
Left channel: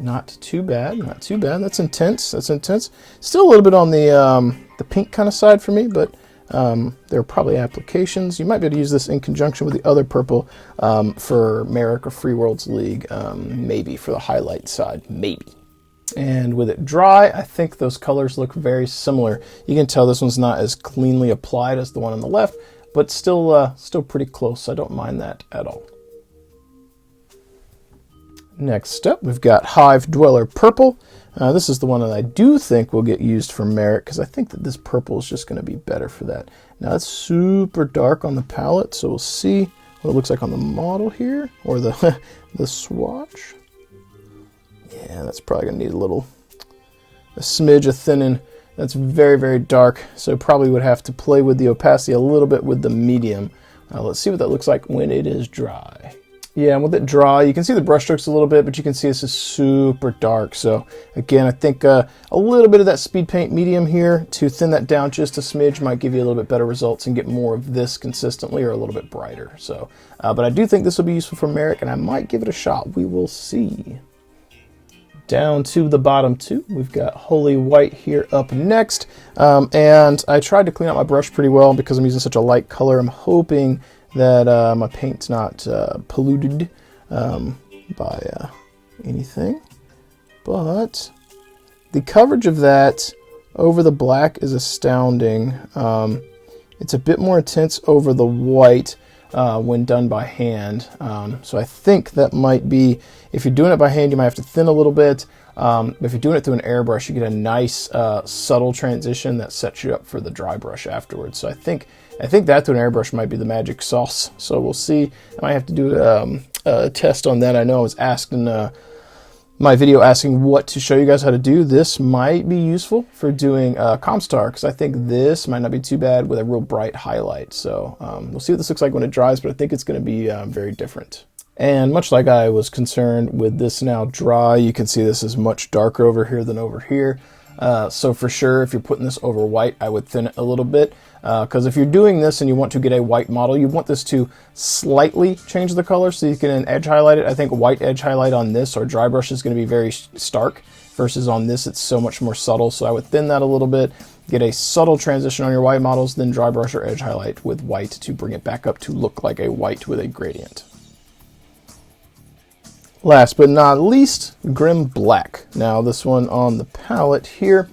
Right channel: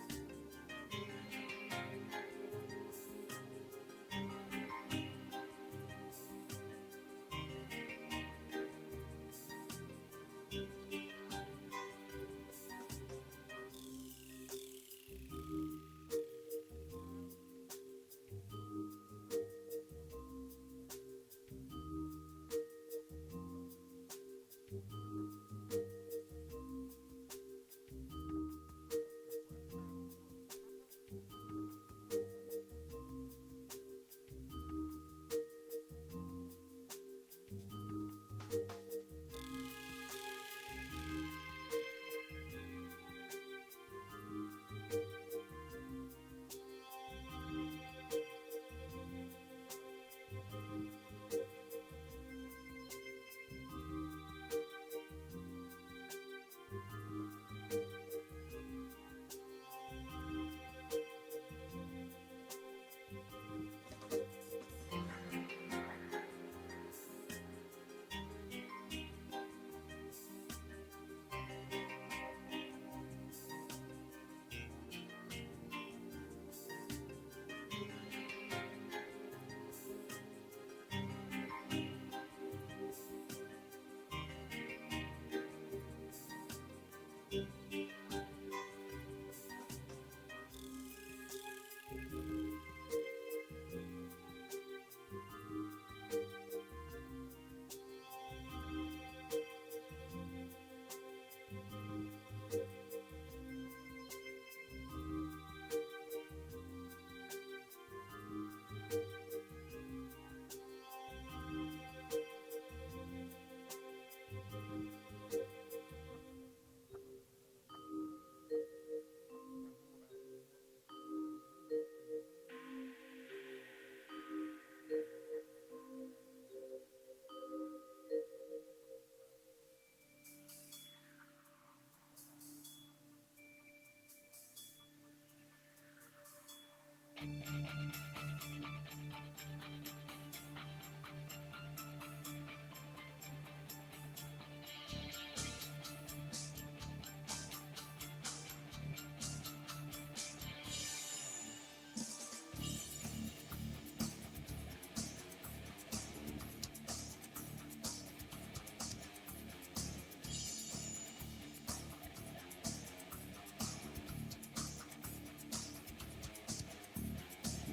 Not too bad, not too bad. That's intense, that's intense. Still a little bit on the pink kind of side for me, but there are probably applications. You might be able to use this in conjunction with the other purple for Merrick or Free Worlds League, maybe for the highlight side, maybe. And with it dry, I think those colors look very similar. You can tell this one's not as cleanly applied as the one on the left, but still pretty close. I don't mind that at all. Next up, we've got Hive Dweller Purple. This is the one that I do think will get used for Merrick, because I think that this purple is just going to be better for that. Now it's super dark on the palette, so we'll see what it looks like on the model here, or the the swatch. Yeah, that's probably going to need a smidge of thinning. That's very, very dark, so probably would have to play with the opacity a little bit with the medium. Let's see what that looks like when it is dry. Yeah, and with it dry, you can see the brush strokes a little bit, but you can see this is super dark. So again, I think a little bit of that speed paint medium here to thin that down just a smidge might give you a little bit better results and get more of this consistently, or a little bit brighter. So, but I do think this will be useful for Merrick, and I might give it a shot. We will see. Down to the bottom 2, we've got Holy White here up next. And I tried to clean out my brush pretty well because I'm using such a light color. I'm hoping that my paint's not polluted by anything. But the coverage of that over the black is astounding. It's a bit more intense over the white when done by hand. So I think that might be, if you're doing it by hand, you might have to thin a little bit. If you're doing it through an airbrush, you get a nice subtle transition that sets you up for the dry brush afterwards. So I think that through an airbrush might be the magic sauce. So we'll see. I might have to do a test on that. I know I was asked in my video asking what to show you guys how to do. This might be useful for doing Comstar, because I think this might not be too bad with a real bright highlight. So we'll see what this looks like when it dries, but I think it's going to be very different. And much like I was concerned with this now dry, you can see this is much darker over here than over here. So for sure, if you're putting this over white, I would thin it a little bit. Because if you're doing this and you want to get a white model, you want this to slightly change the color so you can edge highlight it. I think white edge highlight on this or dry brush is going to be very stark, versus on this it's so much more subtle. So I would thin that a little bit, get a subtle transition on your white models, then dry brush or edge highlight with white to bring it back up to look like a white with a gradient. Last but not least, Grim Black. Now this one on the palette here,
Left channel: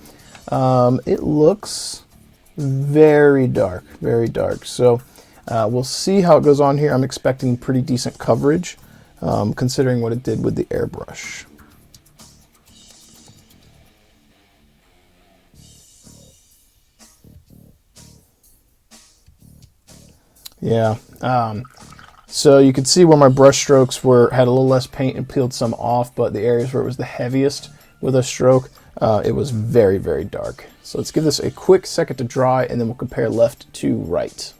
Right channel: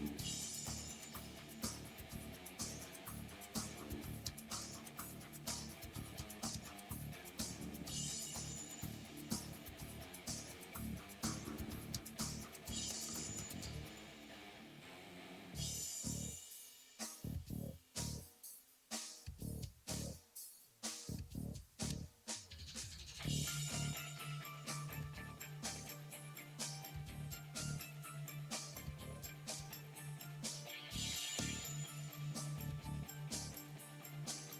it looks very dark, very dark. So we'll see how it goes on here. I'm expecting pretty decent coverage, considering what it did with the airbrush. Yeah. So you can see where my brush strokes had a little less paint and peeled some off, but the areas where it was the heaviest with a stroke, it was very, very dark. So let's give this a quick second to dry, and then we'll compare left to right.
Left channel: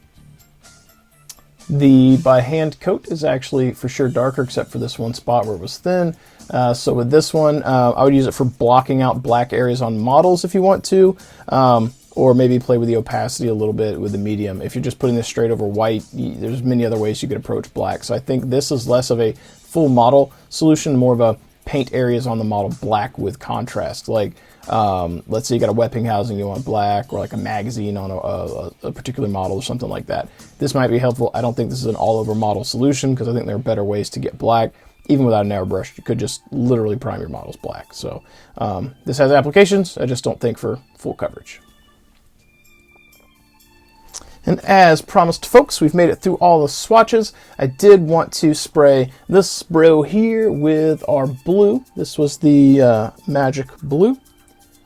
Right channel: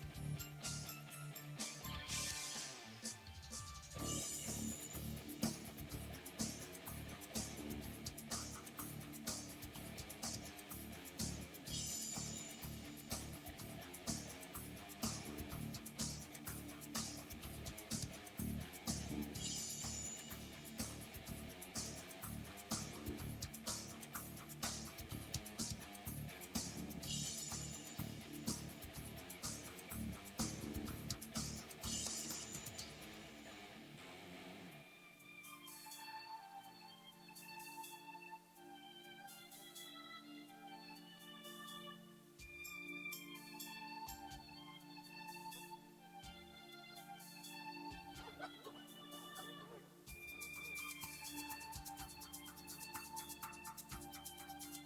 The by hand coat is actually for sure darker, except for this one spot where it was thin. So with this one, I would use it for blocking out black areas on models if you want to. or maybe play with the opacity a little bit with the medium. If you're just putting this straight over white, there's many other ways you could approach black. So I think this is less of a full model solution, more of a paint areas on the model black with contrast. Like, let's say you got a weapon housing you want black, or like a magazine on a particular model or something like that. This might be helpful. I don't think this is an all-over model solution, because I think there are better ways to get black. Even without an airbrush, you could just literally prime your models black. So this has applications. I just don't think for full coverage. And as promised, folks, we've made it through all the swatches. I did want to spray this bro here with our blue. This was the Magic Blue.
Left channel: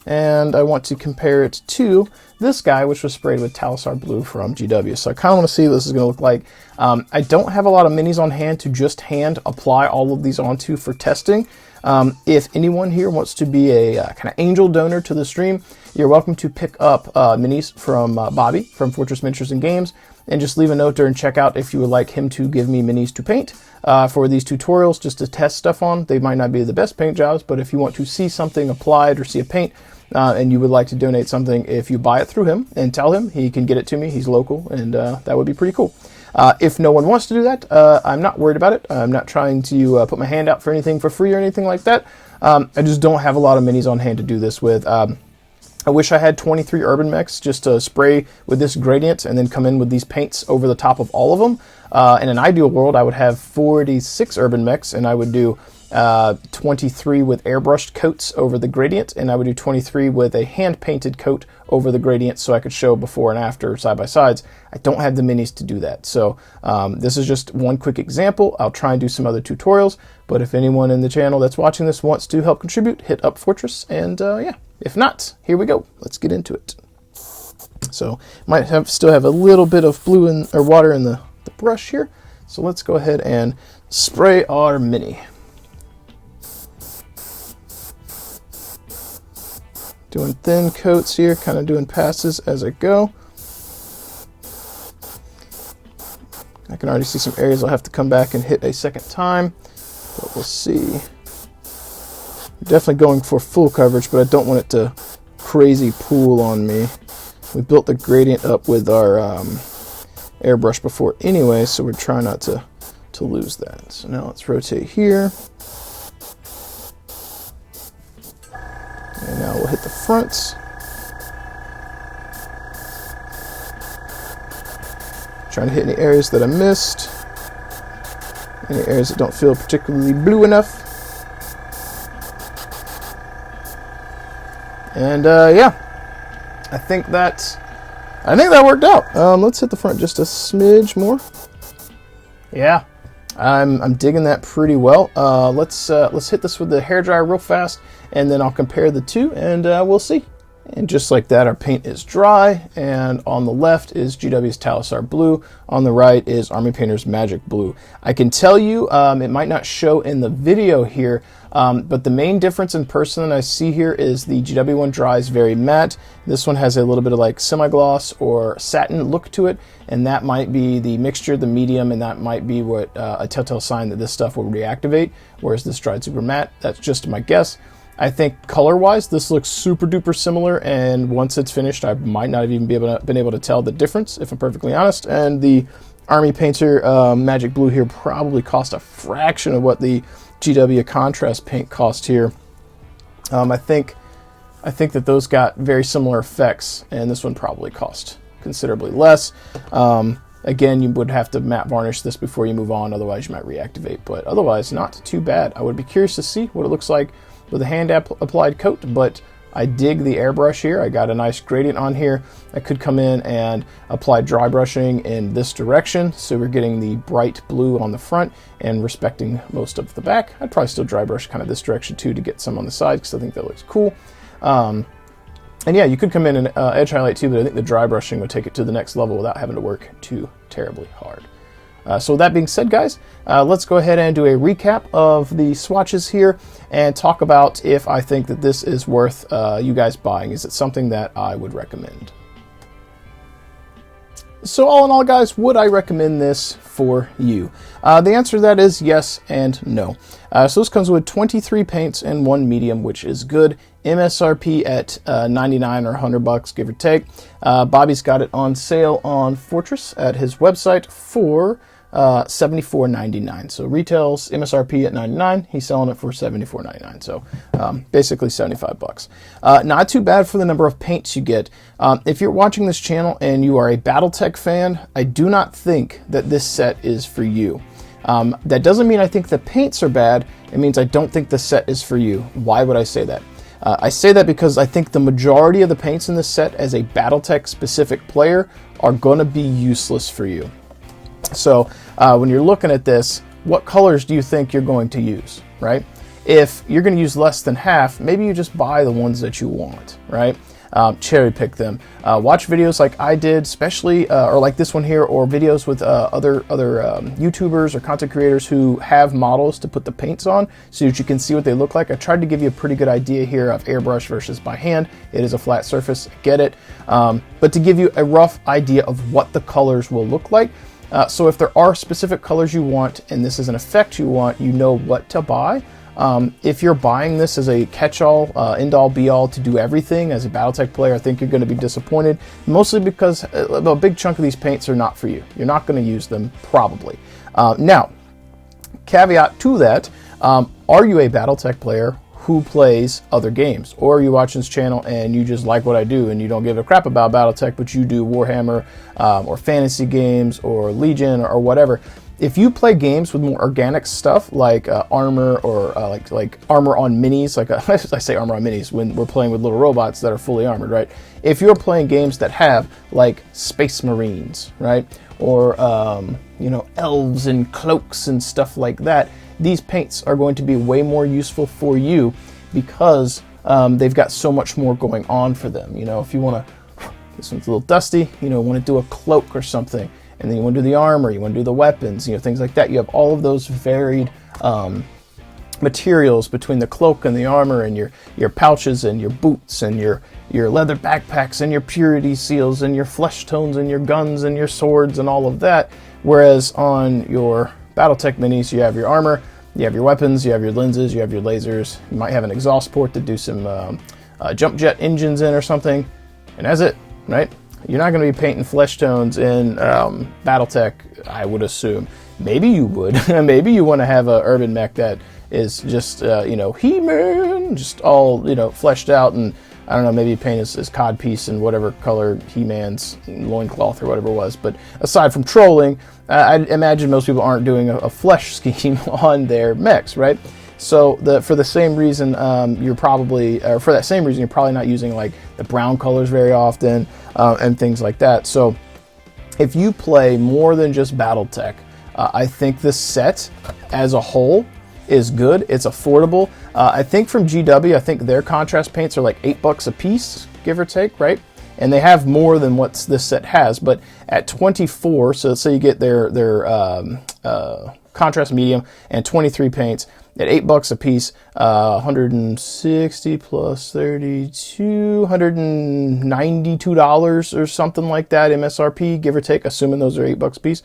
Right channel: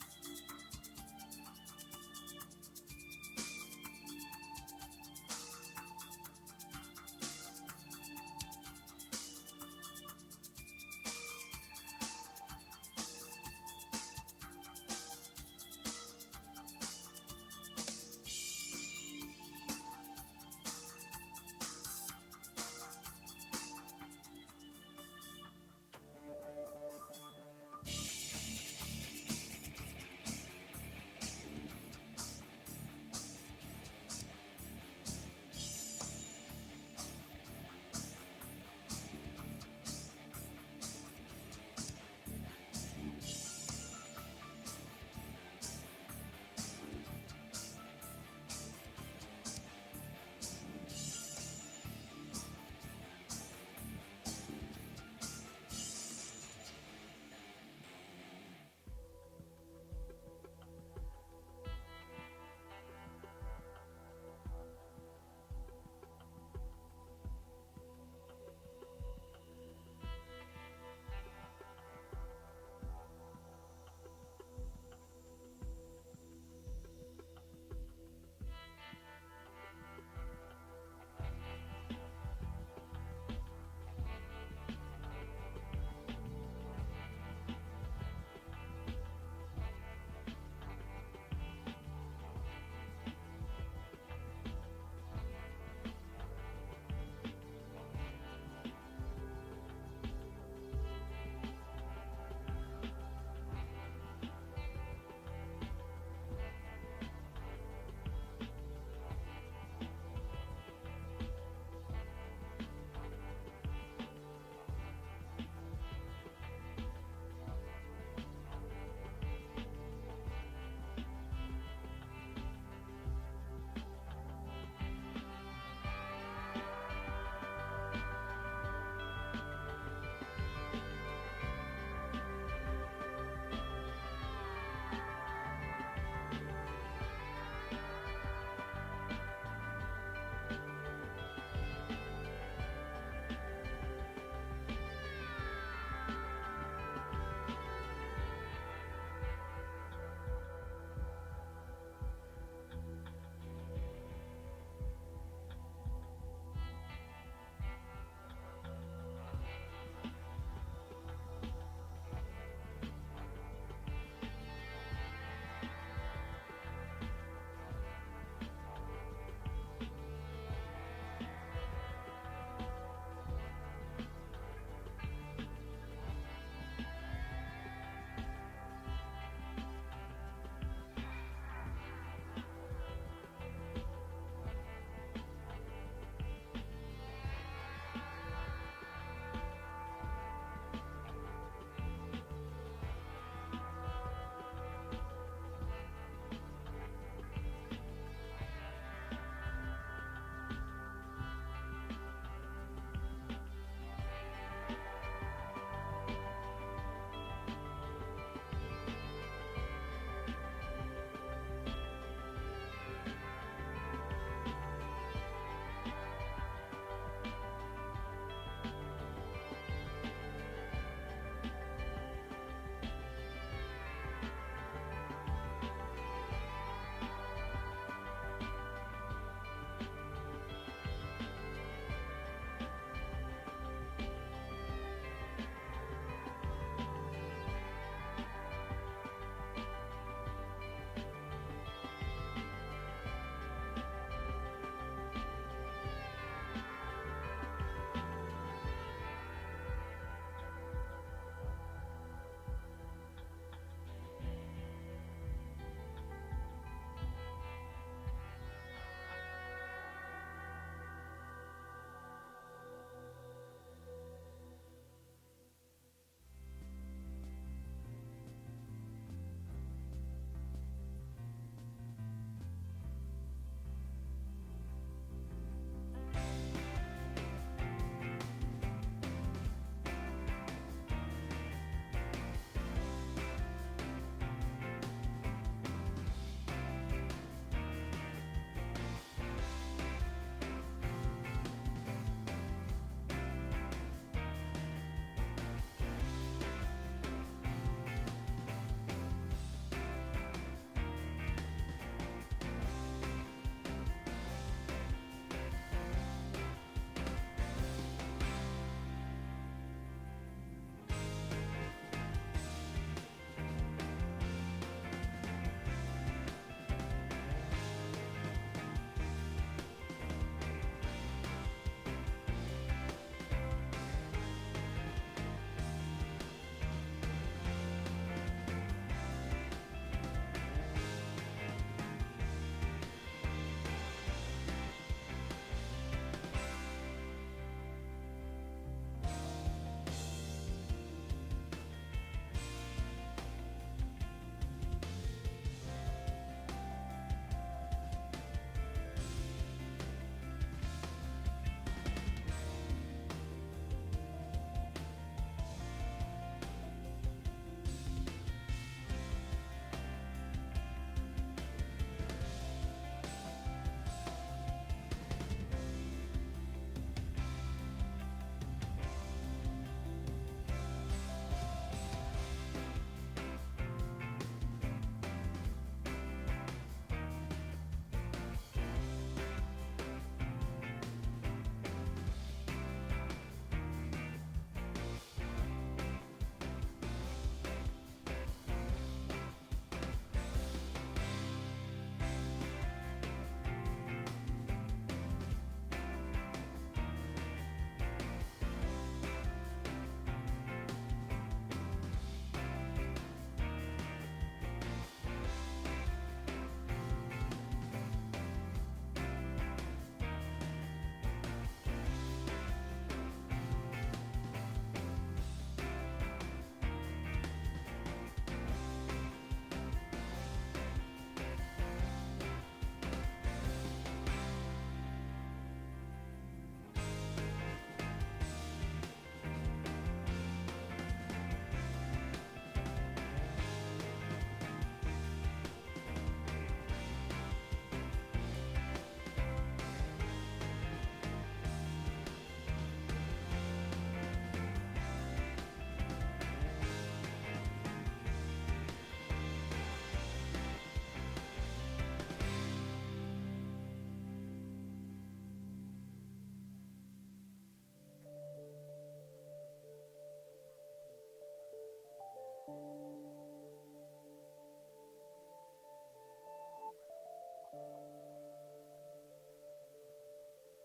And I want to compare it to this guy, which was sprayed with Talisar Blue from GW. So I kind of want to see what this is going to look like. I don't have a lot of minis on hand to just hand apply all of these onto for testing. If anyone here wants to be a kind of angel donor to the stream, you're welcome to pick up minis from Bobby from Fortress Miniatures and Games, and just leave a note there and check out if you would like him to give me minis to paint for these tutorials, just to test stuff on. They might not be the best paint jobs, but if you want to see something applied or see a paint, and you would like to donate something, if you buy it through him and tell him, he can get it to me. He's local, and that would be pretty cool. If no one wants to do that, I'm not worried about it. I'm not trying to put my hand out for anything for free or anything like that. I just don't have a lot of minis on hand to do this with. I wish I had 23 urban mechs just to spray with this gradient and then come in with these paints over the top of all of them. In an ideal world, I would have 46 urban mechs, and I would do 23 with airbrushed coats over the gradient, and I would do 23 with a hand-painted coat over the gradient, so I could show before and after side-by-sides. I don't have the minis to do that, so this is just one quick example. I'll try and do some other tutorials, but if anyone in the channel that's watching this wants to help contribute, hit up Fortress, and yeah, if not, here we go. Let's get into it. So might still have a little bit of blue or water in the brush here, so let's go ahead and spray our mini. Doing thin coats here, kind of doing passes as I go. I can already see some areas I'll have to come back and hit a second time, but we'll see. Definitely going for full coverage, but I don't want it to crazy pool on me. We built the gradient up with our airbrush before anyway, so we're trying not to lose that. So now let's rotate here. And now we'll hit the fronts. Trying to hit any areas that I missed. Any areas that don't feel particularly blue enough. And yeah, I think that worked out. Let's hit the front just a smidge more. Yeah, I'm digging that pretty well. Let's hit this with the hairdryer real fast, and then I'll compare the two, and we'll see. And just like that, our paint is dry, and on the left is GW's Talisar Blue. On the right is Army Painter's Magic Blue. I can tell you, it might not show in the video here, but the main difference in person that I see here is the GW one dries very matte. This one has a little bit of like semi-gloss or satin look to it, and that might be the mixture, the medium, and that might be what a telltale sign that this stuff will reactivate, whereas this dried super matte. That's just my guess. I think color-wise, this looks super duper similar, and once it's finished, I might not have even been able to tell the difference, if I'm perfectly honest. And the Army Painter Magic Blue here probably cost a fraction of what the GW contrast paint cost here. I think that those got very similar effects, and this one probably cost considerably less. Again, you would have to matte varnish this before you move on, otherwise you might reactivate, but otherwise not too bad. I would be curious to see what it looks like with a hand applied coat, but I dig the airbrush here. I got a nice gradient on here. I could come in and apply dry brushing in this direction, so we're getting the bright blue on the front and respecting most of the back. I'd probably still dry brush kind of this direction too to get some on the side, because I think that looks cool. And yeah, you could come in and edge highlight too, but I think the dry brushing would take it to the next level without having to work too terribly hard. So with that being said, guys, let's go ahead and do a recap of the swatches here and talk about if I think that this is worth you guys buying. Is it something that I would recommend? So all in all, guys, would I recommend this for you? The answer to that is yes and no. So this comes with 23 paints and 1 medium, which is good. MSRP at 99 or 100 bucks, give or take. Bobby's got it on sale on Fortress at his website for $74.99. So retails MSRP at 99. He's selling it for $74.99. So basically 75 bucks. Not too bad for the number of paints you get. If you're watching this channel and you are a Battletech fan, I do not think that this set is for you. That doesn't mean I think the paints are bad. It means I don't think the set is for you. Why would I say that? I say that because I think the majority of the paints in this set as a Battletech specific player are going to be useless for you. So when you're looking at this, what colors do you think you're going to use, right? If you're going to use less than half, maybe you just buy the ones that you want, right? Cherry pick them. Watch videos like I did, especially, or like this one here, or videos with other YouTubers or content creators who have models to put the paints on so that you can see what they look like. I tried to give you a pretty good idea here of airbrush versus by hand. It is a flat surface, get it. But to give you a rough idea of what the colors will look like. So if there are specific colors you want, and this is an effect you want, you know what to buy. If you're buying this as a catch-all, end-all, be-all to do everything as a Battletech player, I think you're going to be disappointed, mostly because a big chunk of these paints are not for you. You're not going to use them, probably. Now, caveat to that, are you a Battletech player who plays other games? Or are you watching this channel and you just like what I do and you don't give a crap about Battletech, but you do Warhammer or fantasy games or Legion or whatever? If you play games with more organic stuff like armor or like armor on minis, like I say armor on minis when we're playing with little robots that are fully armored, right? If you're playing games that have like Space Marines, right, or you know, elves and cloaks and stuff like that, these paints are going to be way more useful for you because they've got so much more going on for them. You know, if you want to, this one's a little dusty, you know, want to do a cloak or something, and then you want to do the armor, you want to do the weapons, you know, things like that. You have all of those varied materials between the cloak and the armor and your pouches and your boots and your leather backpacks and your purity seals and your flesh tones and your guns and your swords and all of that. Whereas on your Battletech minis, you have your armor, you have your weapons, you have your lenses, you have your lasers, you might have an exhaust port to do some jump jet engines in or something, and that's it, right? You're not going to be painting flesh tones in Battletech, I would assume. Maybe you would. Maybe you want to have a urban mech that is just, you know, He-Man, just all, you know, fleshed out, and I don't know, maybe paint his codpiece in whatever color He-Man's loincloth or whatever it was. But aside from trolling, I imagine most people aren't doing a flesh scheme on their mechs, right? So for the same reason, you're probably not using like the brown colors very often and things like that. So if you play more than just Battletech, I think this set as a whole is good. It's affordable. I think from GW, I think their contrast paints are like $8 a piece, give or take, right? And they have more than what this set has, but at 24, so let's say you get their contrast medium and 23 paints at $8 a piece, 160 plus 32, $192 or something like that MSRP, give or take, assuming those are $8 a piece.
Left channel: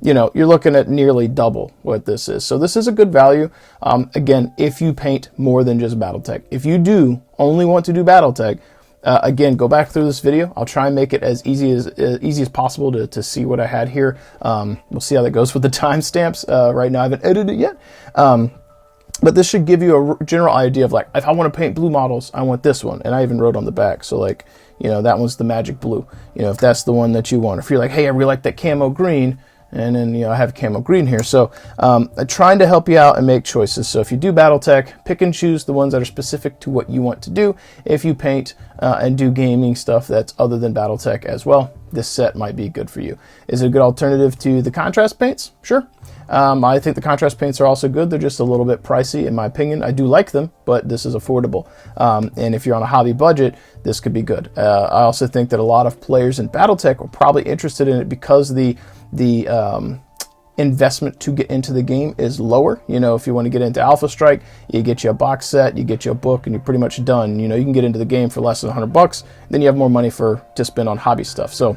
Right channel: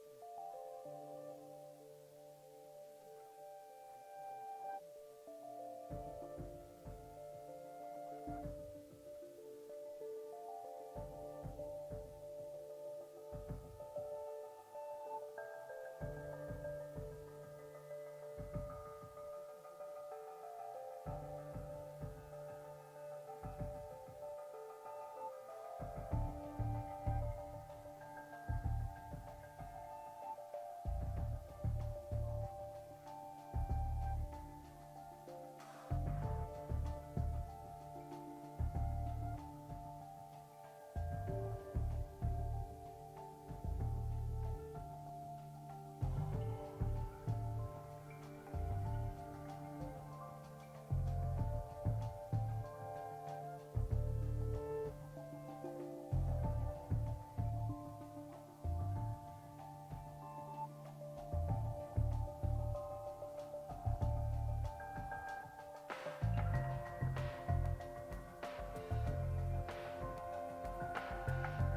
You know, you're looking at nearly double what this is. So this is a good value. Again, if you paint more than just Battletech. If you do only want to do Battletech, again, go back through this video. I'll try and make it as easy as possible to see what I had here. We'll see how that goes with the timestamps. Right now I haven't edited it yet. But this should give you a general idea of like, if I want to paint blue models, I want this one. And I even wrote on the back. So like, you know, that one's the magic blue. You know, if that's the one that you want. If you're like, hey, I really like that camo green, and then, you know, I have camo green here. So I'm trying to help you out and make choices. So if you do Battletech, pick and choose the ones that are specific to what you want to do. If you paint and do gaming stuff that's other than Battletech as well, this set might be good for you. Is it a good alternative to the contrast paints? Sure. I think the contrast paints are also good. They're just a little bit pricey in my opinion. I do like them, but this is affordable. And if you're on a hobby budget, this could be good. I also think that a lot of players in Battletech are probably interested in it because the investment to get into the game is lower. You know, if you want to get into Alpha Strike, you get you a box set, you get you a book, and you're pretty much done. You know, you can get into the game for less than $100, then you have more money to spend on hobby stuff. So,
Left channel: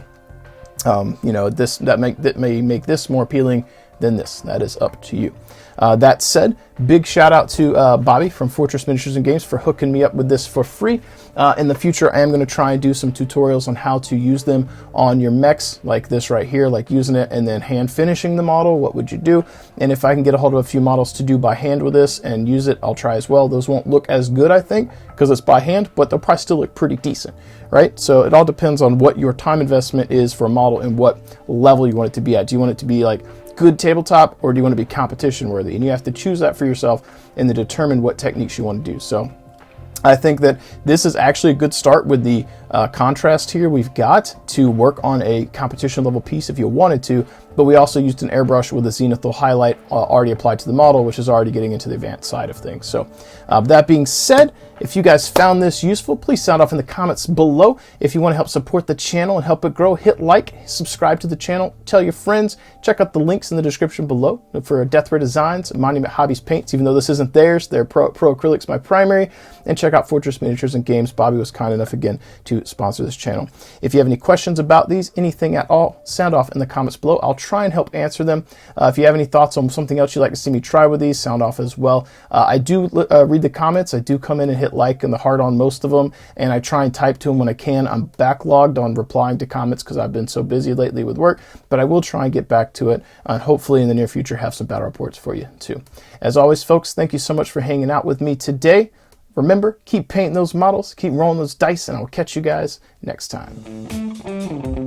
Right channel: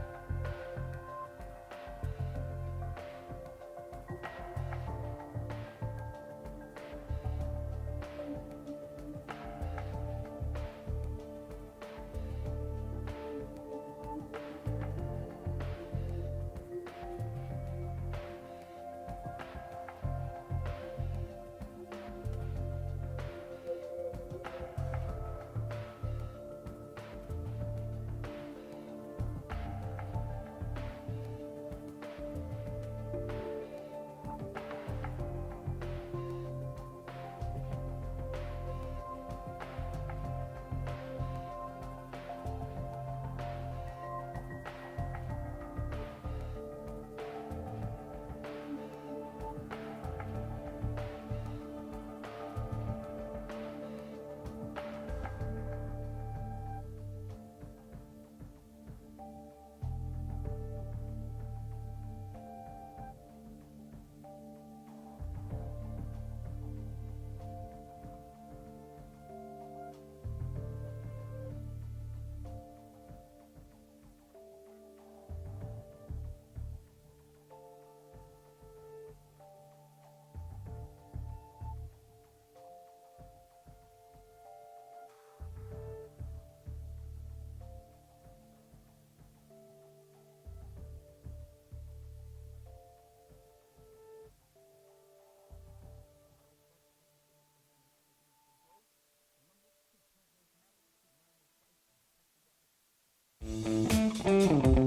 you know, that may make this more appealing than this. That is up to you. That said, big shout out to Bobby from Fortress Miniatures and Games for hooking me up with this for free. In the future, I am going to try and do some tutorials on how to use them on your mechs, like this right here, like using it and then hand finishing the model. What would you do? And if I can get a hold of a few models to do by hand with this and use it, I'll try as well. Those won't look as good, I think, because it's by hand, but they'll probably still look pretty decent, right? So it all depends on what your time investment is for a model and what level you want it to be at. Do you want it to be like good tabletop, or do you want to be competition worthy? And you have to choose that for yourself and then determine what techniques you want to do. So I think that this is actually a good start with the contrast here we've got to work on a competition level piece if you wanted to, but we also used an airbrush with a zenithal highlight already applied to the model, which is already getting into the advanced side of things. So that being said, if you guys found this useful, please sound off in the comments below. If you want to help support the channel and help it grow, hit like, subscribe to the channel, tell your friends, check out the links in the description below for Death Ray Designs, Monument Hobbies paints, even though this isn't theirs, they're Pro Acrylics, my primary, and check out Fortress Miniatures and Games. Bobby was kind enough again to sponsor this channel. If you have any questions about these, anything at all, sound off in the comments below. I'll try and help answer them. If you have any thoughts on something else you'd like to see me try with these, sound off as well. I do read the comments. I do come in and hit like and the heart on most of them, and I try and type to them when I can. I'm backlogged on replying to comments because I've been so busy lately with work, but I will try and get back to it, and hopefully in the near future have some battle reports for you too. As always, folks, thank you so much for hanging out with me today. Remember, keep painting those models, keep rolling those dice, and I'll catch you guys next time.